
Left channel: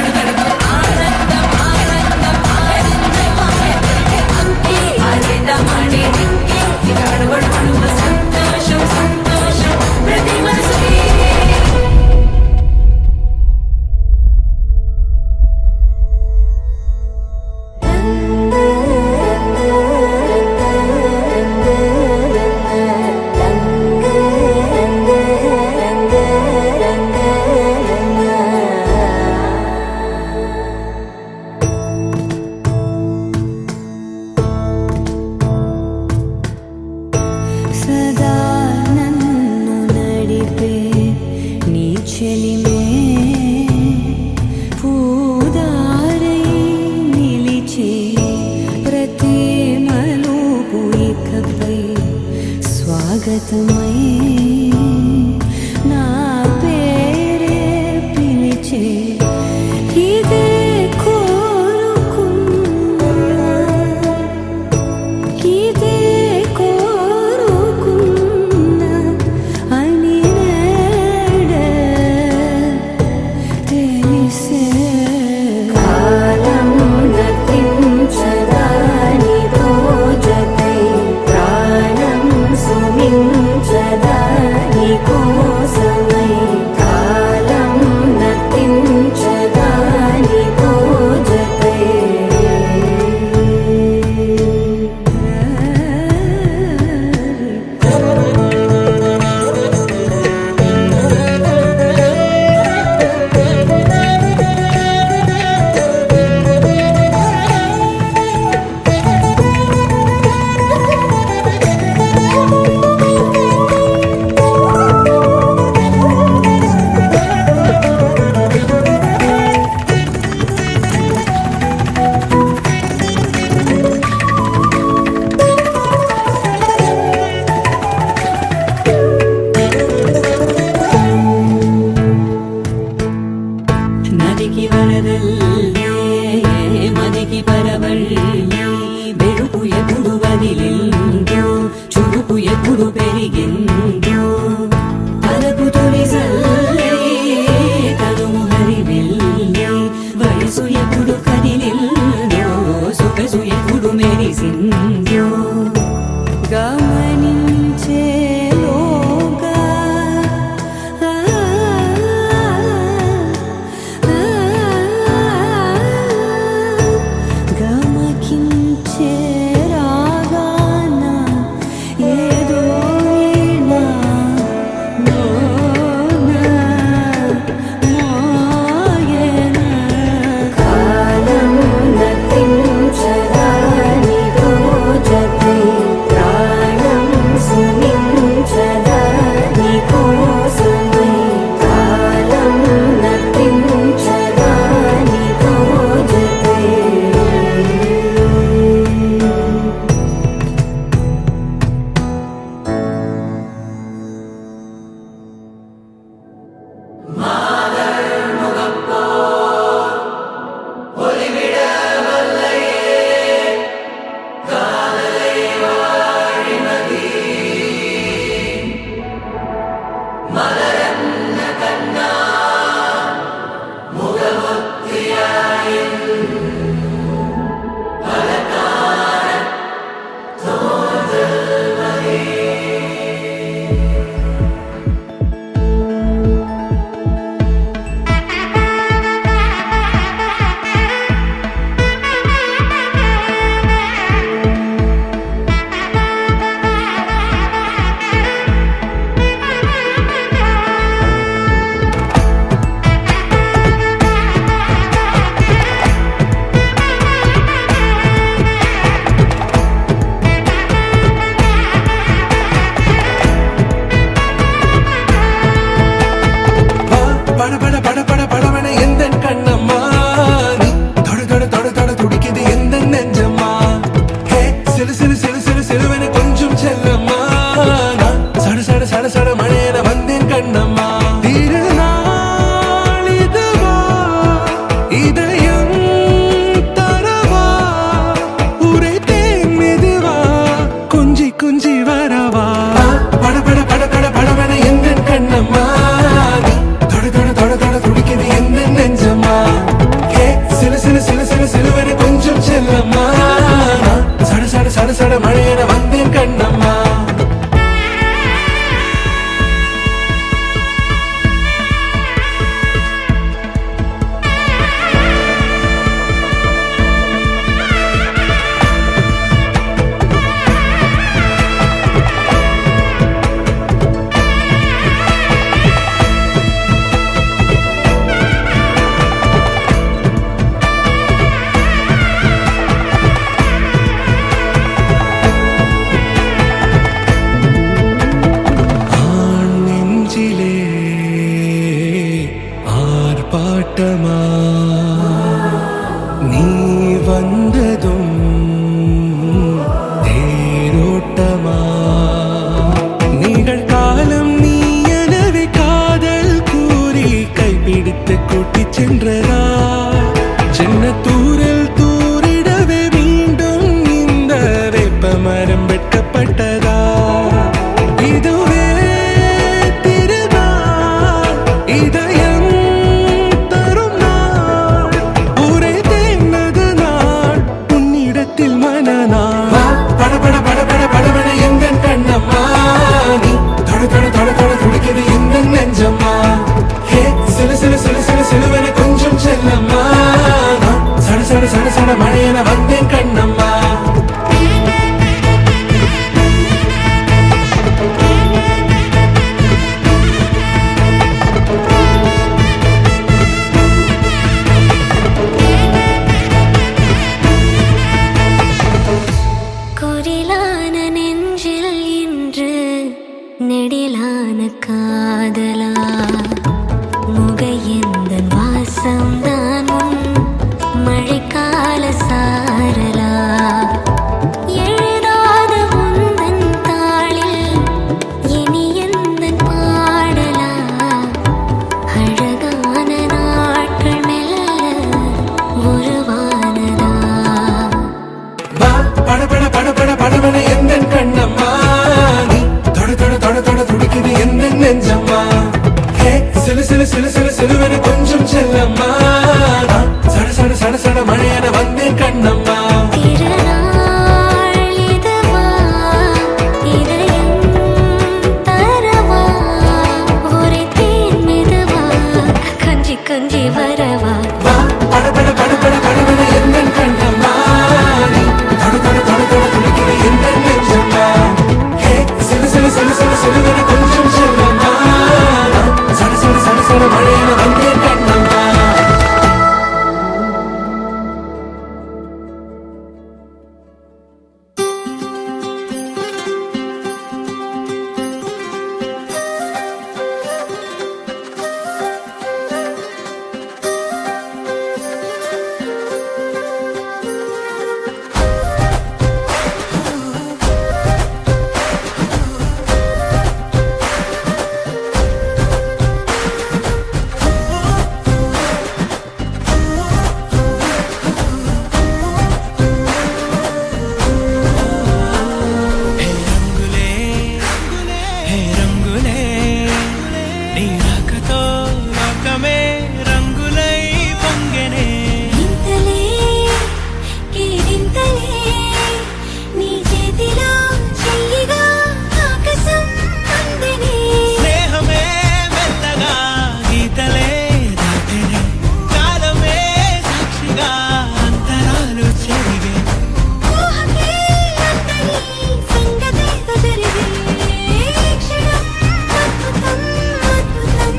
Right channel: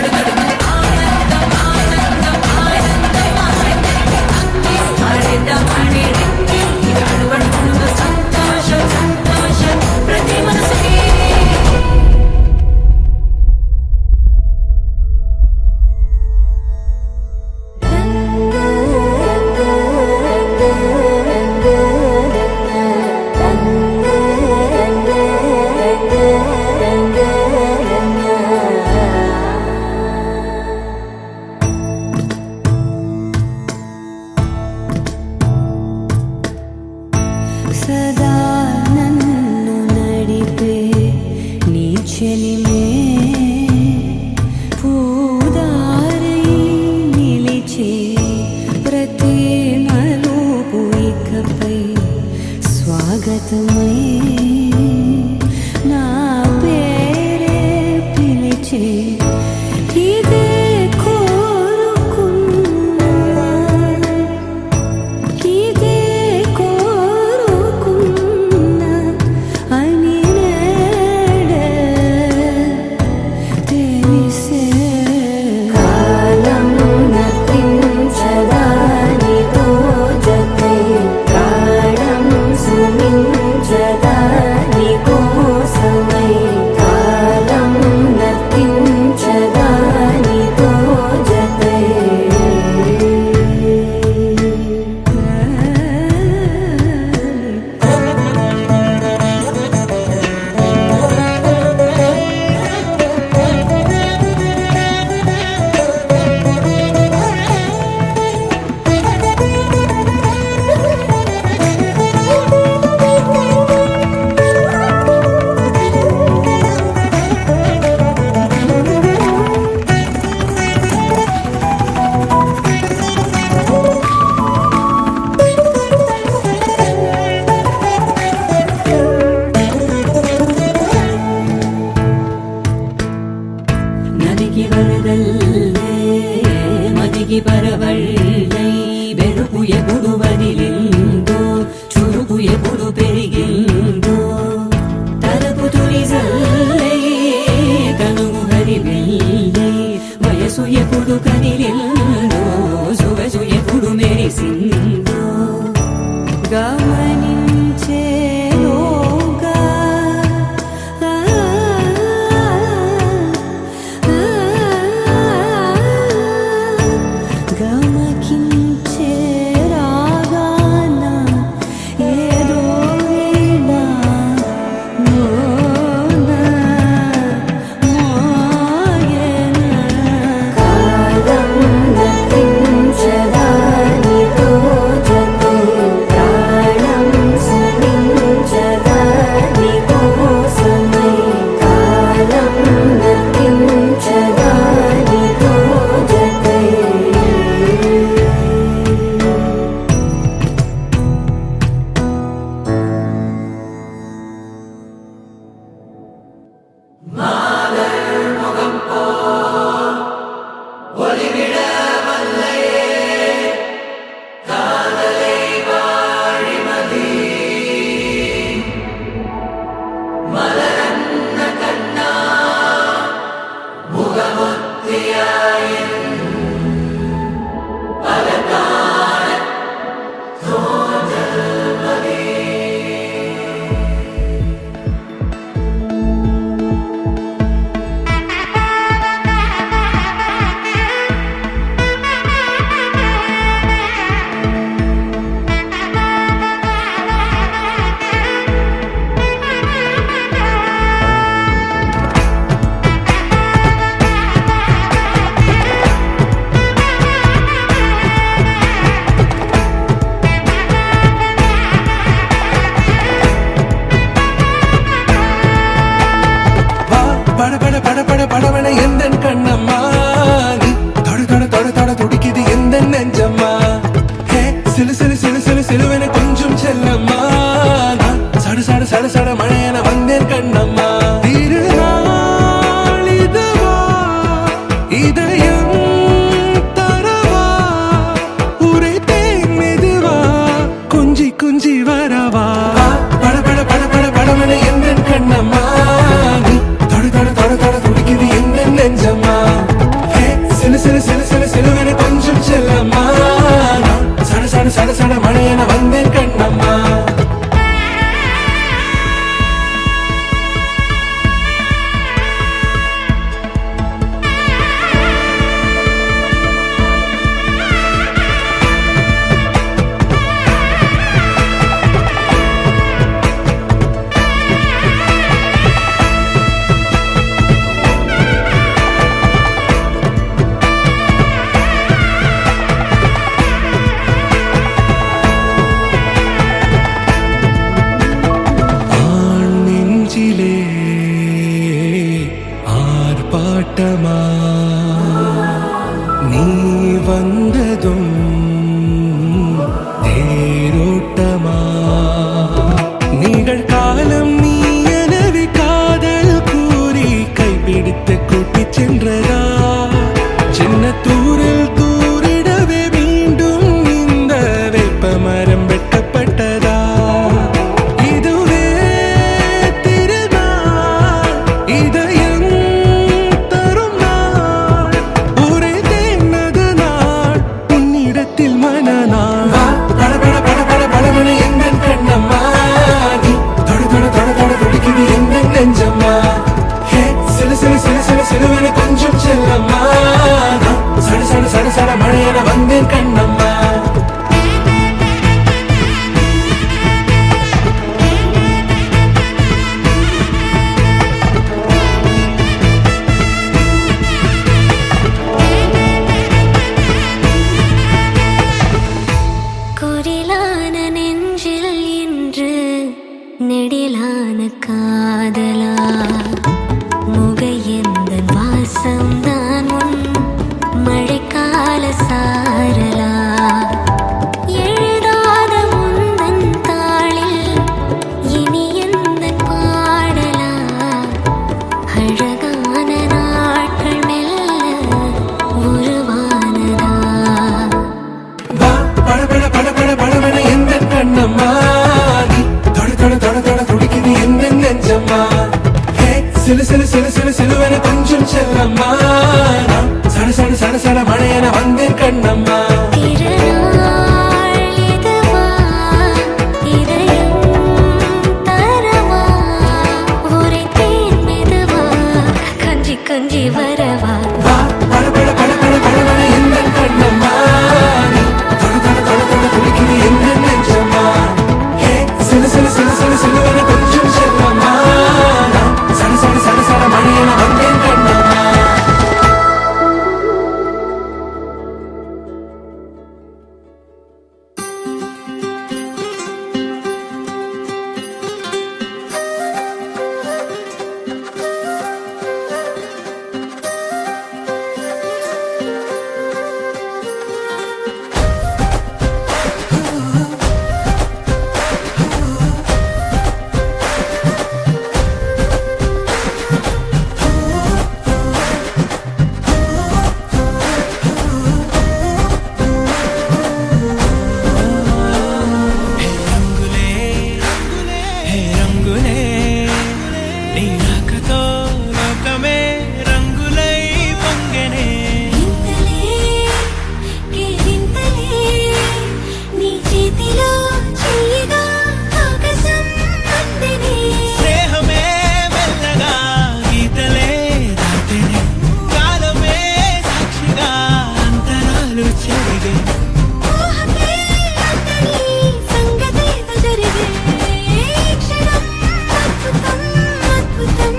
చెలిమే పూదారై నిలిచే ప్రతి మలుపు ఇకపై స్వాగతమై నా పేరే పిలిచే ఇదే కోరుకున్నా ఇదే కోరుకున్నా అని నేడే తెలిసే కాలం నతించదాని రోజకై ప్రాణం సుమించదాని కోసమై కాలం నతించదాని రోజకై నదికి వరదల్లే మదికి పరవళ్ళే వెలుపు ఎప్పుడు వదిలిందో చురుకు ఎప్పుడు పెరిగిందో తలపు తొలి సల్లే కనుము హరివెల్లే వయసు ఎప్పుడు కదిలిందో సొగసు ఎప్పుడు మెరిసిందో గమనించేలోగా గమకించే రాగాన ఏదో వీణ మోన మోయన కాలం నతించదాని రోజకై ప్రాణం సుమించదాని కోసమై కాలం నతించదాని రోజకై பட பட பட பட படவன எந்தன் கண்ணம்மா நீ தொட தொட தொட தொட துடிக்குது எந்த நெஞ்சம்மா ஹே சிலு சிலு சிலு சிலு சிலுவென கொஞ்சம் செல்லம்மா நான் சட சட சட சட மழையென வந்தேன் கண்ணம்மா திருநாள் இதுவா இதயம் தரவா உரைத்தேன் மெதுவா குஞ்சி குஞ்சி வரவா பட பட பட பட படவன எந்தன் கண்ணம்மா சிலு சிலு சிலு சிலு சிலு ஆட்டமா நீ வந்ததும் தேரோட்டமா நிகழ்காலம் நீ எனவே காதல் கூறி கைப்பிடித்து கூட்டிச் சென்றதா சின்ன தூரில் தூரிடவே மீண்டும் இந்த வேப்ப மரம் வெட்கப்பட்டதா இதுவே திருநாள் இதயம் தரும் நாள் ஒரே தேனது நாள் உன்னிடத்தில் மனநாள் பட பட பட பட படவன எந்த கண்ணம்மா நீ தொட தொட தொட தொட துடிக்குது எந்த நெஞ்சம்மா ஹே சிலு சிலு சிலு சிலு சிலுவன கொஞ்சம் செல்லம்மா சட சட சட சட மழையன வந்தேன் கண்ணம்மா குரிலான நெஞ்சில் இன்று நெடிலான காதலா முகையெந்தன் வாசம்தான் உன் மழைக்கால சாரலா எழுதாத உந்தன் தாளில் இனி எந்தன் பாடலா அழகான நாட்கள் மெல்ல உருவானதா வா பட பட பட பட படவன எந்த கண்ணம்மா நீ தொட தொட தொட தொட துடிக்குது எந்த நெஞ்சம்மா ஹே சிலு சிலு சிலு சிலு சிலுவன கொஞ்சம் செல்லம்மா சட சட சட சட மழையன வந்தேன் கண்ணம்மா திருநாள் இதுவா இதயம் தரவா ஒரே தேன் மெதுவா கஞ்சி கஞ்சி வரவா வா பட பட பட பட படவன எந்த கண்ணம்மா நீ தொட தொட தொட தொட துடிக்குது எந்த நெஞ்சம்மா ஹே சிலு சிலு சிலு சிலு சிலுவன கொஞ்சம் செல்லம்மா சட சட சட சட மழையன வந்தேன் கண்ணம்மா హే రంగులే హే రంగులే నీ రాకతో లోకమే రంగులై పొంగెనే ఇంతలే కేరింతలే నీ చేతిలో చెయ్యగా ఆకాశం అందనే స్నేహమే మెల్లగా గీతలే దాటెనే కాలమే సాక్షిగా అంతరాలు చెరిగే ఊహకే అంతని సంగతేదో జరిగే క్షణం అద్భుతం అద్భుతం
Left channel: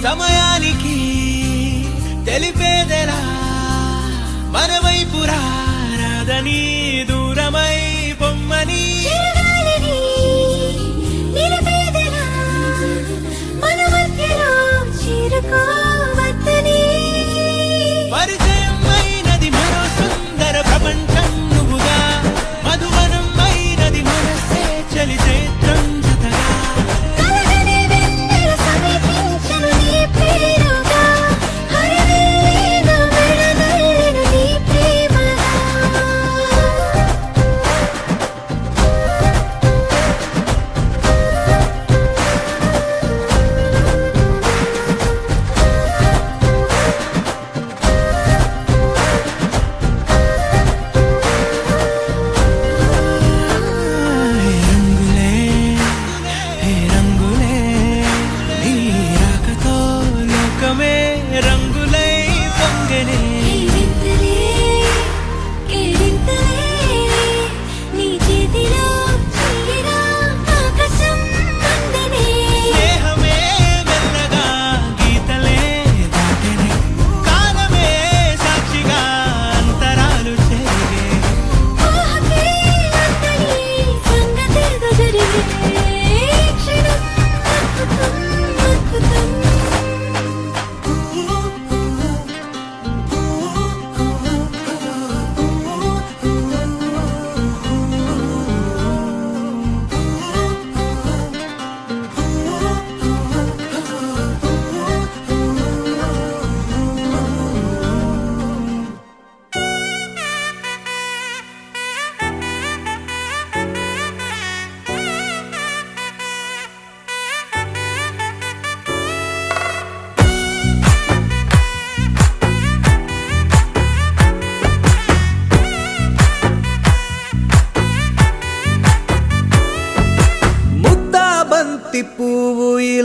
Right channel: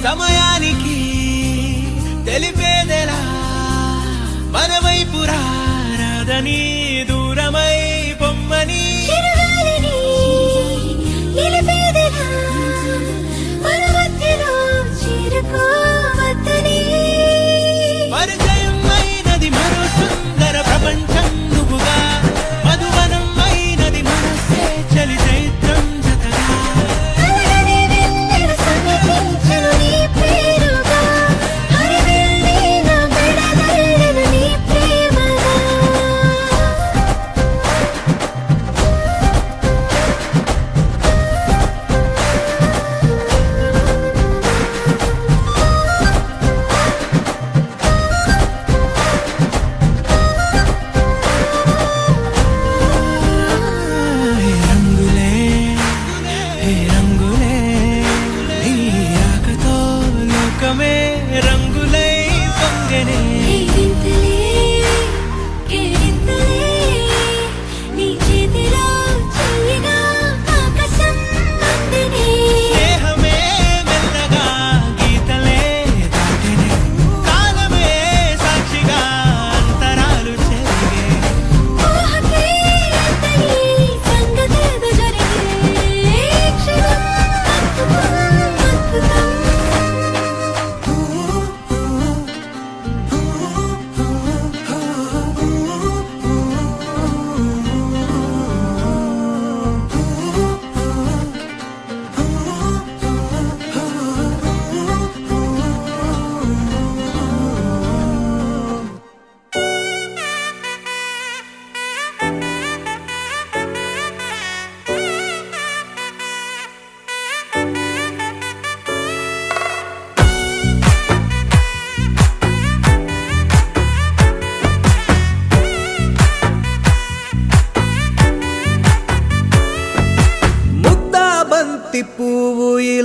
సమయానికి తెలిపేదెలా మన వైపు రాదని దూరమై పొమ్మని చిరుగాలిని నిలిపేదెలా మన మధ్యలో చేరుకోవద్దని పరిచయం అయినది మరో సుందర ప్రపంచం నువ్వుగా మధువనం అయినది మనసే చలి చైత్రం జతగా కలగని వెన్నెల సమీపించను నీ పేరుగా హరివేళ విడదలను నీ ప్రేమగా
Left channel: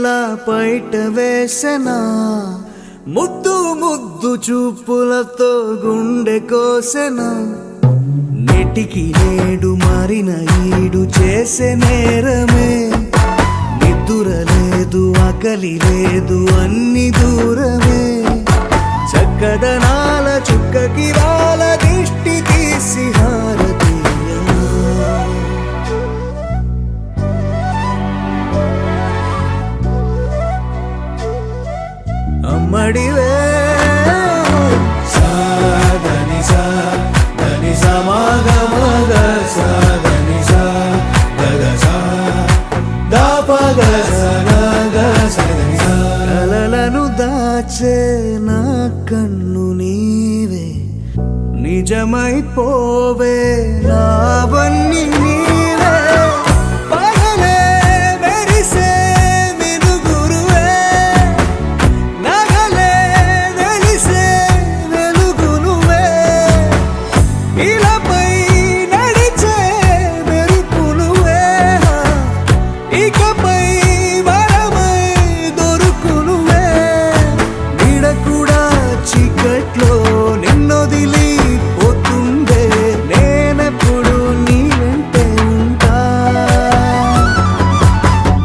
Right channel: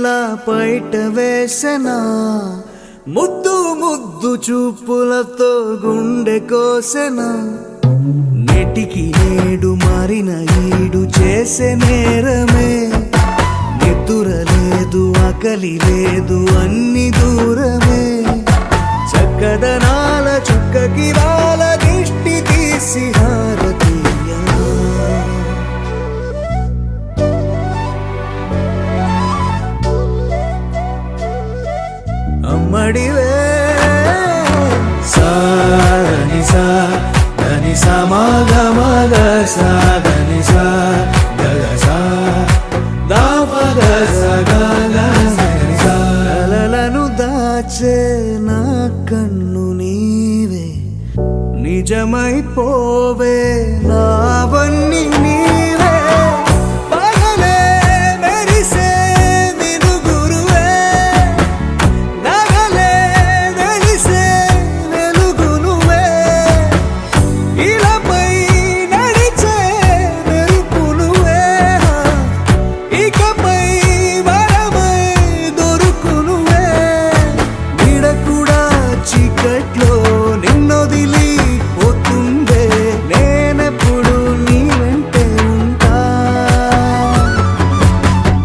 ఇలా బయట వేసెనా ముద్దు ముద్దు చూపులతో గుండె కోసెనా నేటికి నేడు మారిన ఈడు చేసే నేరమే నిద్ర లేదు ఆకలి లేదు అన్ని దూరమే చక్కదనాల చుక్కకి వాళ్ళ దిష్టి తీసి హారతీయనా అమ్మడివే కలలను దాచే నా కన్ను నీవే నిజమైపోవే నావన్నీ నీవే పగలే మెరిసే మినుగురువే నగలే వెలిసే వెలుగు నువ్వే ఇలాపై నడిచే మెరుపు నువ్వే ఇకపై వరమై దొరుకు నువ్వే నీడ కూడా చీకట్లో నిన్నొదిలి పోతుందే నేనెప్పుడు నీ వెంటే ఉంటా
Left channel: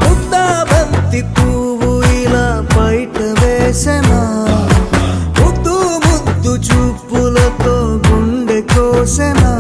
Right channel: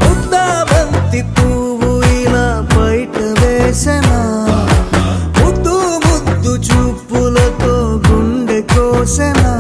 ముద్దా బంతి పువ్వు ఇలా బయట వేసెనా ముద్దు ముద్దు చూపులతో గుండె కోసెనా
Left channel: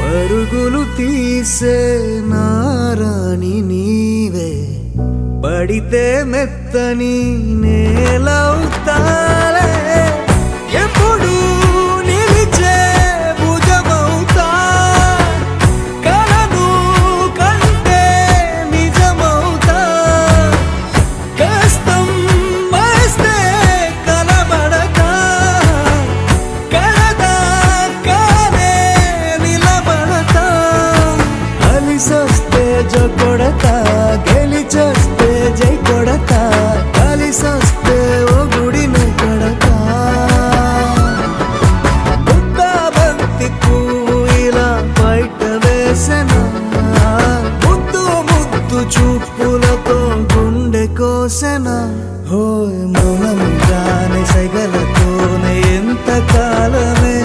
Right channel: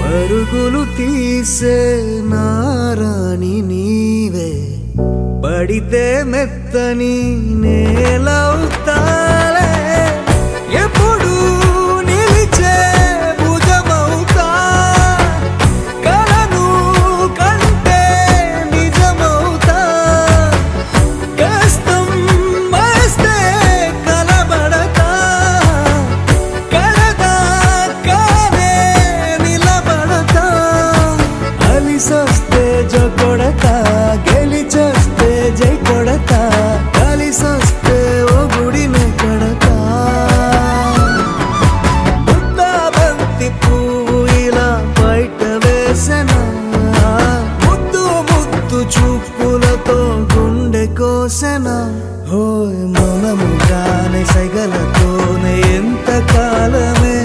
పరుగులు తీసే నారాణి నీవే పడితే మెత్తని నేలవుతాలే ఎప్పుడు నిలిచే భుజమవుతా కలను కంటే నిజమవుతా కష్టం వస్తే కలబడతా కడదాకానే నిలబడతా అలిసొస్తే జో కొడతా గెలిచొస్తే జై కొడతా కలిసొస్తే ఓ గుడినే కొడతా ముద్దా బంతి పువ్వు ఇలా బయట వేసెనా ముద్దు ముద్దు చూపులతో గుండె కోసెనా హోయ్ మౌనముగానే సైగలతోనే ఎంత కాలమే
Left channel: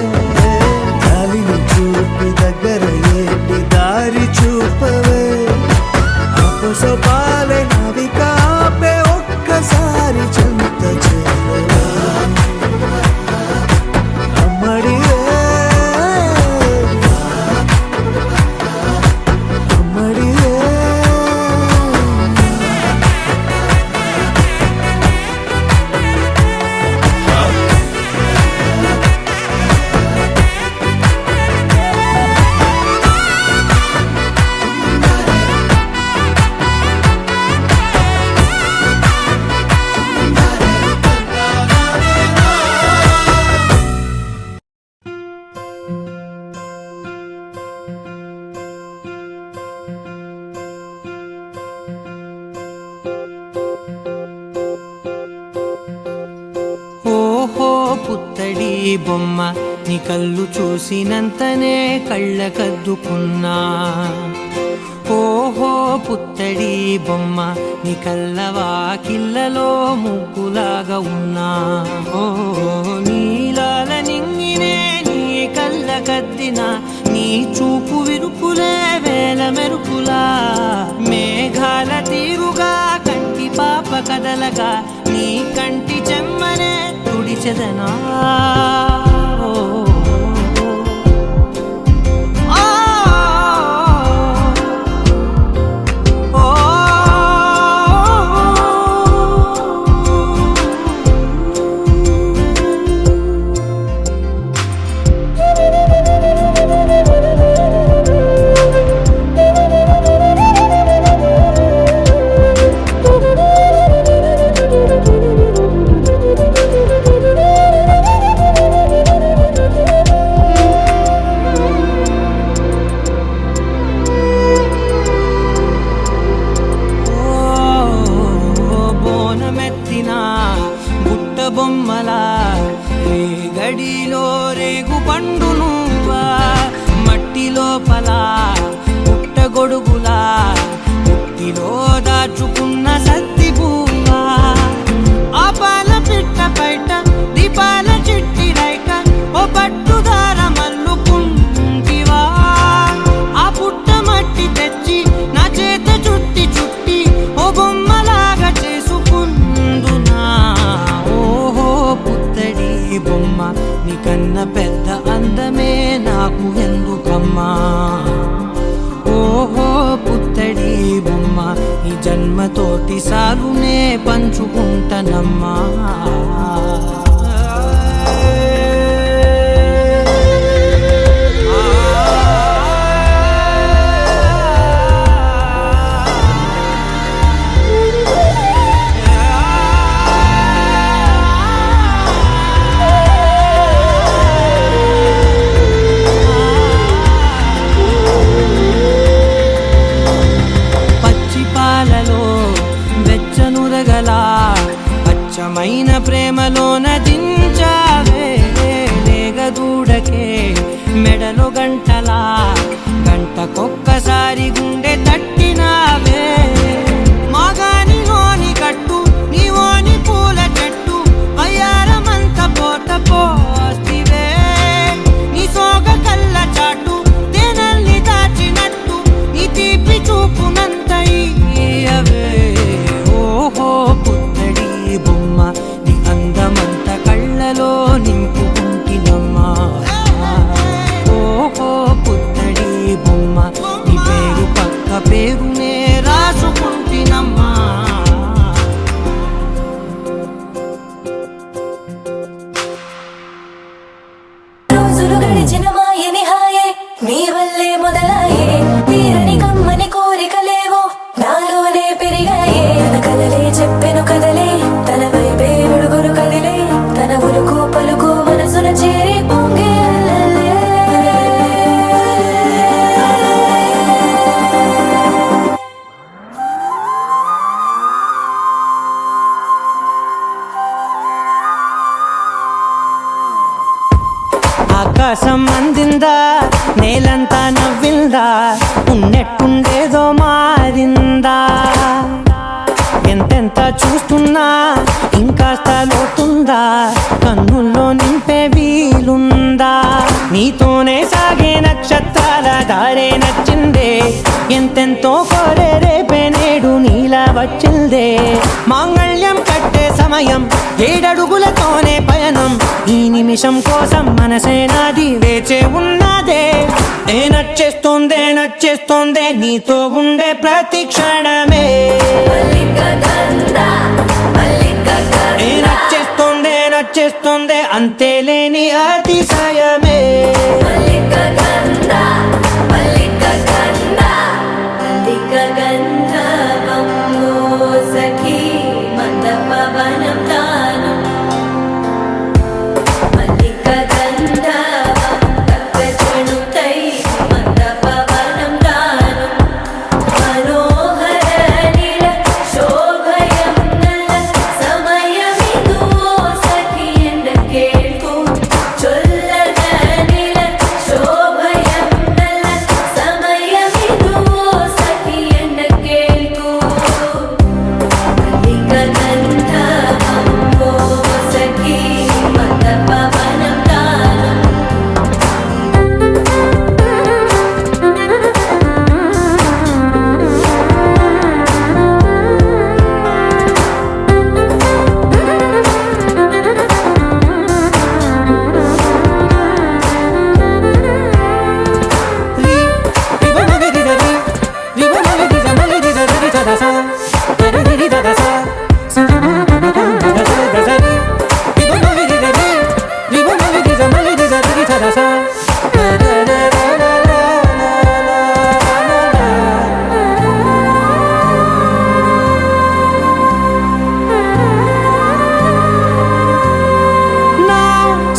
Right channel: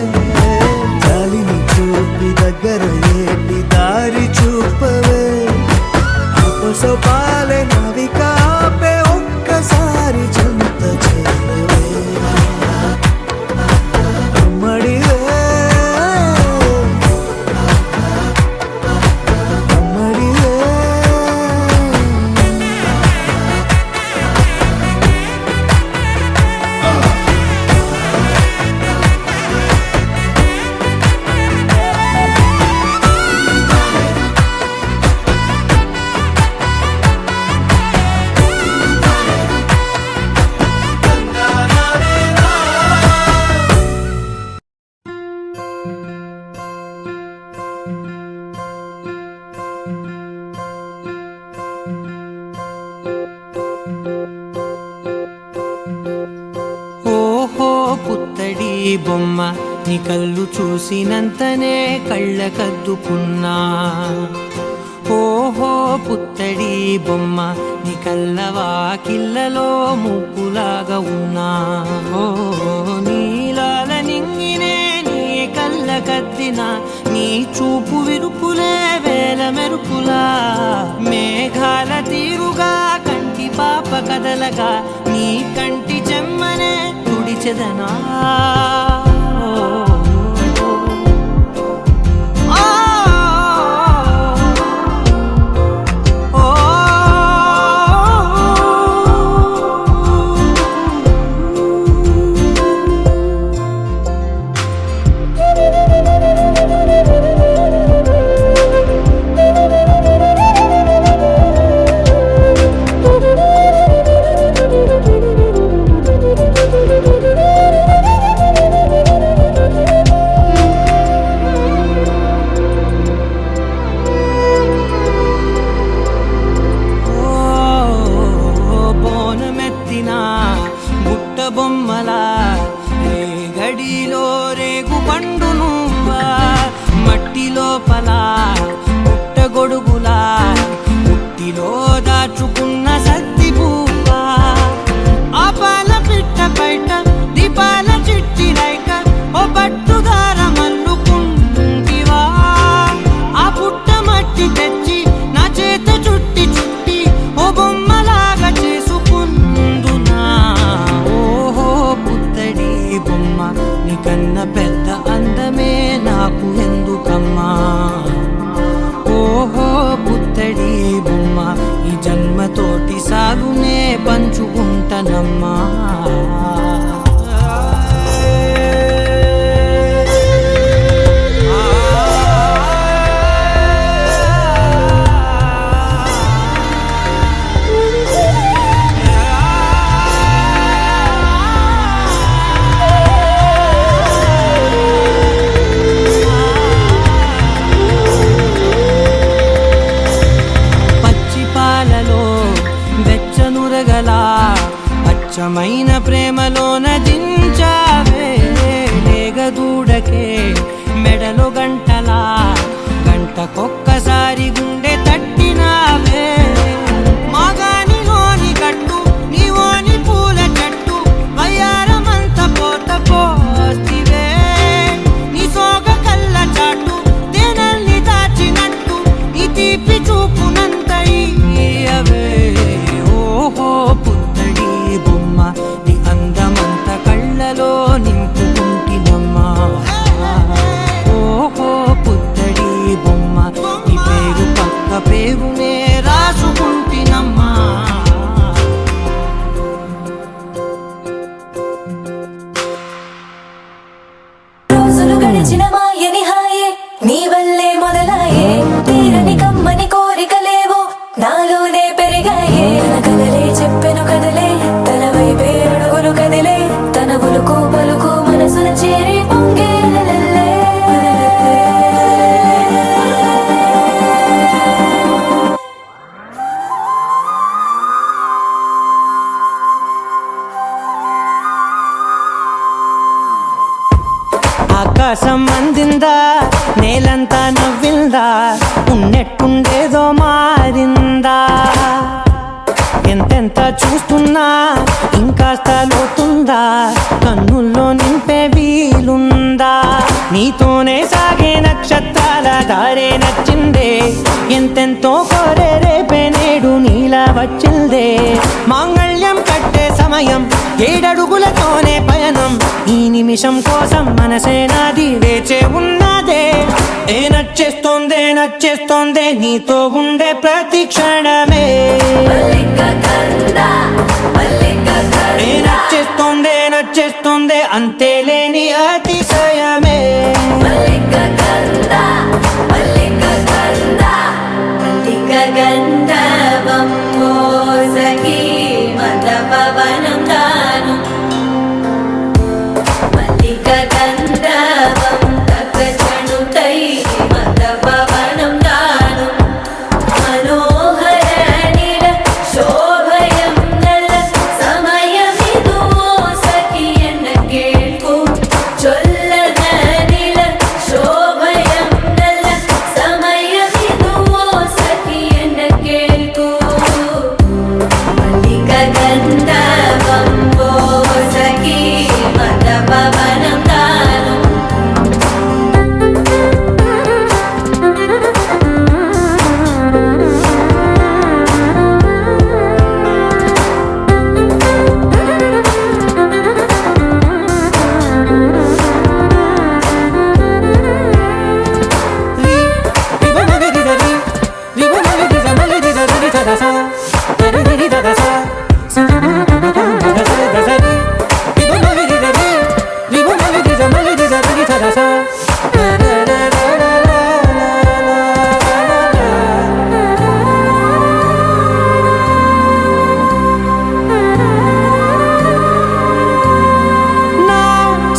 జాలిని చూపి దగ్గర ఏటి దారి చూపవే అపసోపాలే నవికాపే ఒక్కసారి చెంత చేరవే అమ్మడివే అమ్మడివే ఓహో పుత్తడి బొమ్మ నీ కళ్ళు చూసినంతనే కళ్ళకద్దుకున్నా ఓహో పుత్తడి బొమ్మ నీ కళ్ళవాకిళ్ళలో ముగ్గులాగా ఉన్నా ఓ నీలాల నింగినే నీ కళ్ళకద్దిన నీ చూపు విరుపులే వేల మెరుపులా మేఘాల తీరుగా కంటి పాప కదలగా నీ కంటి చెమ్మనే తుడిచెదనా ఓ మడిలో రేగు పండు నువ్వా మట్టి లోపల పుట్టగొడుగులా పుట్టిలో దాచుకున్న సత్తి పువ్వా ఆ పాల పిట్ట బయట దీపాల చిట్టి రైక ఓ పట్టుదార మల్లుకుంటివా ఆ పుట్ట మట్టి తెచ్చి నా చేత చుట్టి చుట్టి ఓ బొమ్మలాగా చేసుకుందునా ఓహో పుత్తడి బొమ్మ నీకన్న పెద్ద అందమే నాకు ఎందుకమ్మా ఓహో పుత్తడి బొమ్మ ఈ జన్మతోటి సాలునే పంచుకుంటనమ్మా పాలలో వెచ్చనురగల పచ్చమైన ప్రేమలోన దించావే లేగదూడకే మెడలో గంటలా గంటకొక్కసారి గుండె తట్టినావే మాగానిలోని కట్టు నీవోని పూల చెట్టు వయ్యారమంత పోత పోస్తివే నీ సోగ కళ్ళ చాటు తేనల్ని దాచినట్టు నీ తీపి చూపునంత ఇయ్యవే ఓహో పుత్తడి బొమ్మ నీ అందమంత కళ్ళలో నింపుకుంటినమ్మా ఓహో పుత్తడి బొమ్మ నీ పేరు పక్క పేరునే రాసుకుంటినమ్మా రోజులు గడిచిన మాయని హాయే నీ వల్లే మొదలాయే తీరని కమ్మని కోరికలేవో నాలోనే పెరిగాయే తన కదలే చెప్పెను కదలే తన వైపే అడుగులు కదిలే తన ఉలుకు పలుకు మనసుల చేరి పొంగే అలలే. ఆకాశం అందిందా నేలంతా నవ్విందా ఉన్నట్టుండేదో మారిందా ఎంతెంత చూస్తున్నా ఇంకాస్త లోతుందా కన్నుల్లో నింపే వీలుందా నీతోనే సాగే నక్షత్రాల దారే నచ్చిందే ఎంతెంతో కోరే రేపే నేడు నీలా వచ్చిందే మాంగళ్యం కట్టే సమయం 7 అడుగులతోనే పయనం ఈ నిమిషం కోసం మనసే నాది వేచే ఉన్నదే నచ్చేస్తోందే నీతో ఉండే ప్రతి క్షణమే నచ్చేస్తోందే అంతేలేని అతిశయమే గంధర్వం మోసకి మందపవనం తాను మల్లిక గంధర్వం తగ్గచణుతై మందపవనం తాను మనోహర నిల శోభయం నల్ల సమయమిదు మోసకి ఎండ కేಳ್కు చొల్లద నిల శోభయం నల్ల సమయమిదు మోసకి ఎండ కేಳ್కు మల్లిక గంధర్వం మోసకి మందపవనం తాను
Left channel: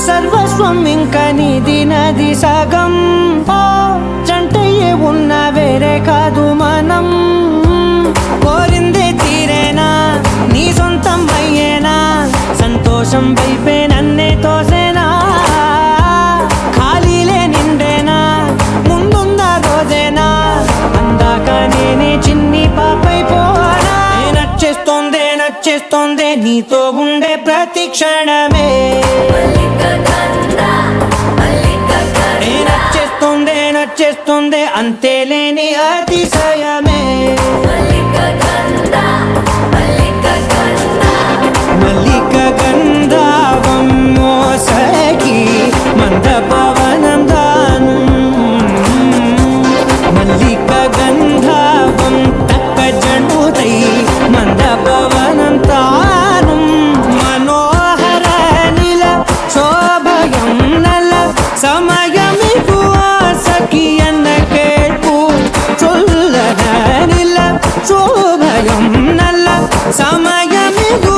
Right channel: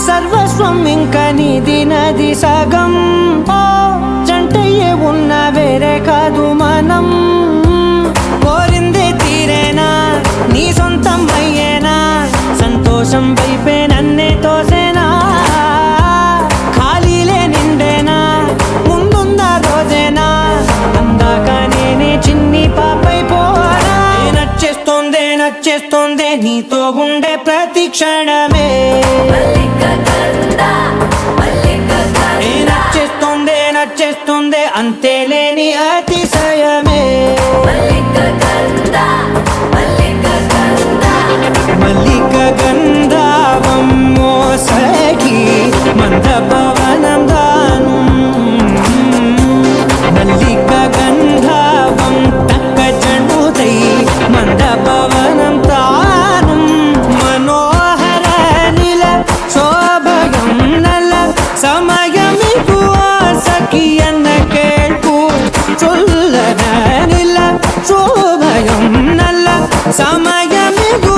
సర్వస్వం ఇంకా నీది నది సగం ఓ జంటయ్యే ఉన్న వేరే కాదు మనం కోరిందే తీరేనా నీ సొంతం అయ్యేనా సంతోషం వైపే నన్నే తోసేనా నచ్చేస్తోందే నీతో ఉండే ప్రతి క్షణమే నచ్చేస్తోందే అంతేలేని అతిశయమే మల్లిక గంధావం మోసగి మంద పవనం దాను మల్లిక గంధావం తక్క జణుదై మంద పవనం తాను మనోహర నిల శోభయం నల సమయమిగు సఖియన్న కేൾపు చొల్లన నిల శోభయం నల్ల సమయమిగు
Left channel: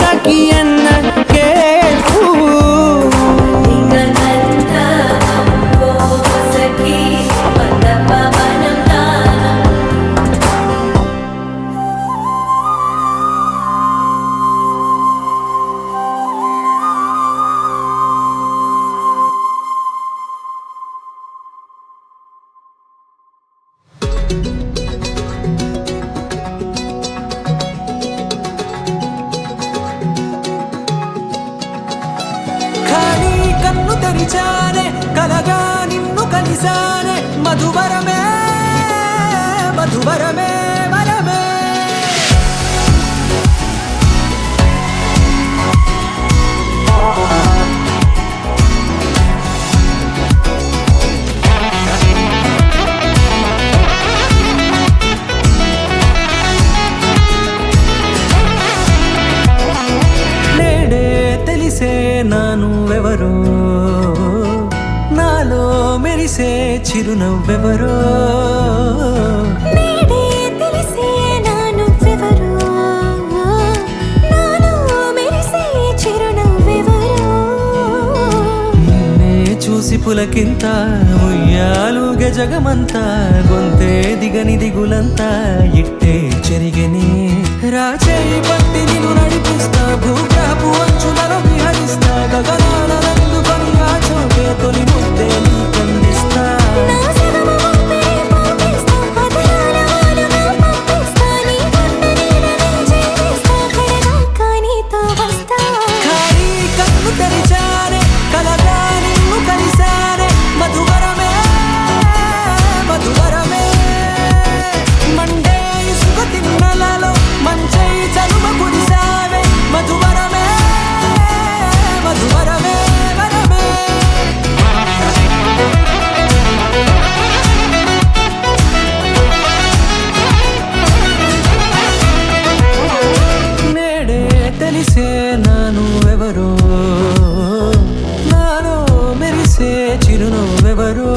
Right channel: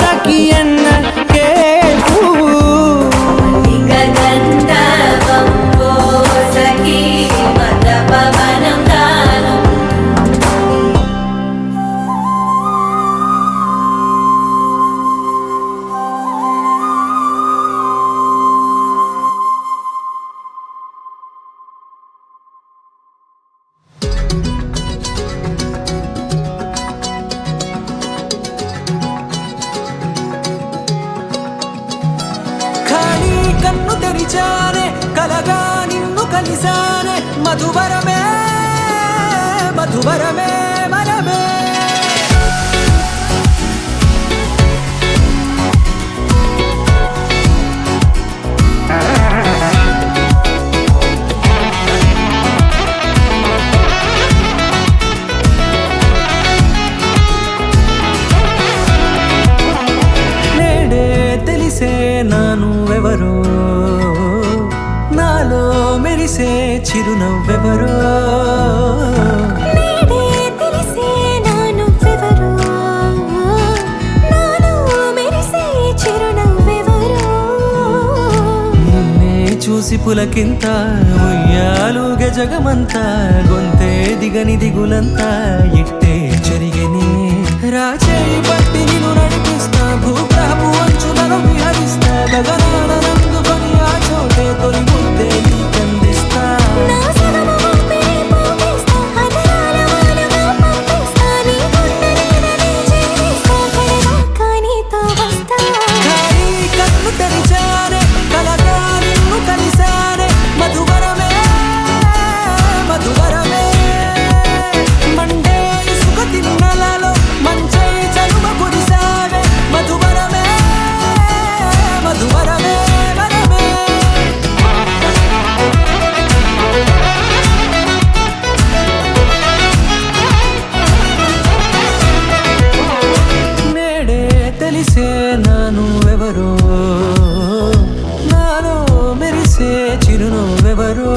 సఖియన్న కేൾపు ఖాళీ కన్ను తెరిచానే కలగా నిన్ను కలిసానే మధువరమే మధువరమే వరమే నేడే తెలిసే నానువెవరో నాలో మెరిసే చిరునవ్వెవరో నేడే తెలిసే నానువెవరో నాలో మెరిసే చిరునవ్వెవరో నిన్నే చూసి పులకింత ఉయ్యాలుగ జగమంతా గొంతే దిగని దిగులంతా ఇట్టే చెరిగెనే రాచేయి పట్టి నిన్ను నడిపిస్తా భూగ్రహపు అంచులలో విహరిస్తా గగనాన నందుకొని ఆ చోటే తొలి ముద్దే నీకందిస్తా నా సగము ఊపిరి పోగిస్తా అదరాల వానగా పంపిస్తా నీ గుండె నీడనే చేరిస్తా కడదాకా నీతో వస్తా ఖాళీ కన్ను తెరిచానే కలగా నిన్ను కలిసానే మధువరమే మధువరమే మండే ఇసుక తిన్నలలో మంచై చలువ కురిసావే మధువరమే మధువరమే వరమే నేడే తెలిసే నానువెవరో నాలో మెరిసే చిరునవ్వెవరో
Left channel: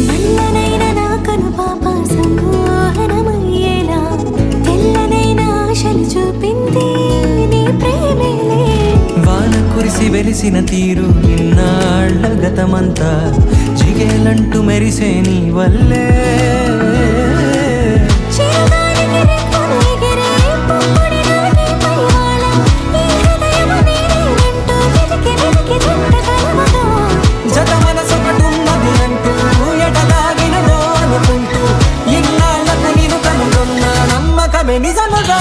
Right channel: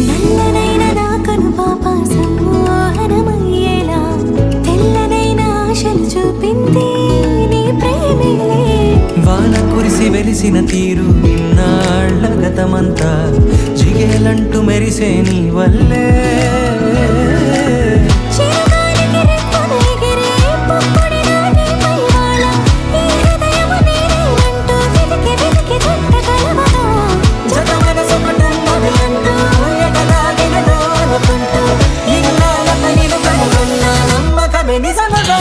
నల్లనైన నా కనుపాప సమ్మోహనమయ్యేలా తెల్లనైన ఆశలు చూపింది నీ ప్రేమేలే వాన కురిసి వెలిసిన తీరు ఇన్నాళ్ళ గతమంతా జిగేలంటూ మెరిసే నీ వల్లే చిరుగాలికి రెప్పలు ఎగిరే పుప్పొడిగా నీపై వాలా ఈ హృదయము నీదేనంటూ వెతికి వెతికి జంట కలవగా జత మనసొకటున్నది అంటూ ఎటగాగినదో అనుకుంటూ ఇన్నాళ్ళకు నేను కనుగొన్న నమ్మకమే నిజముగా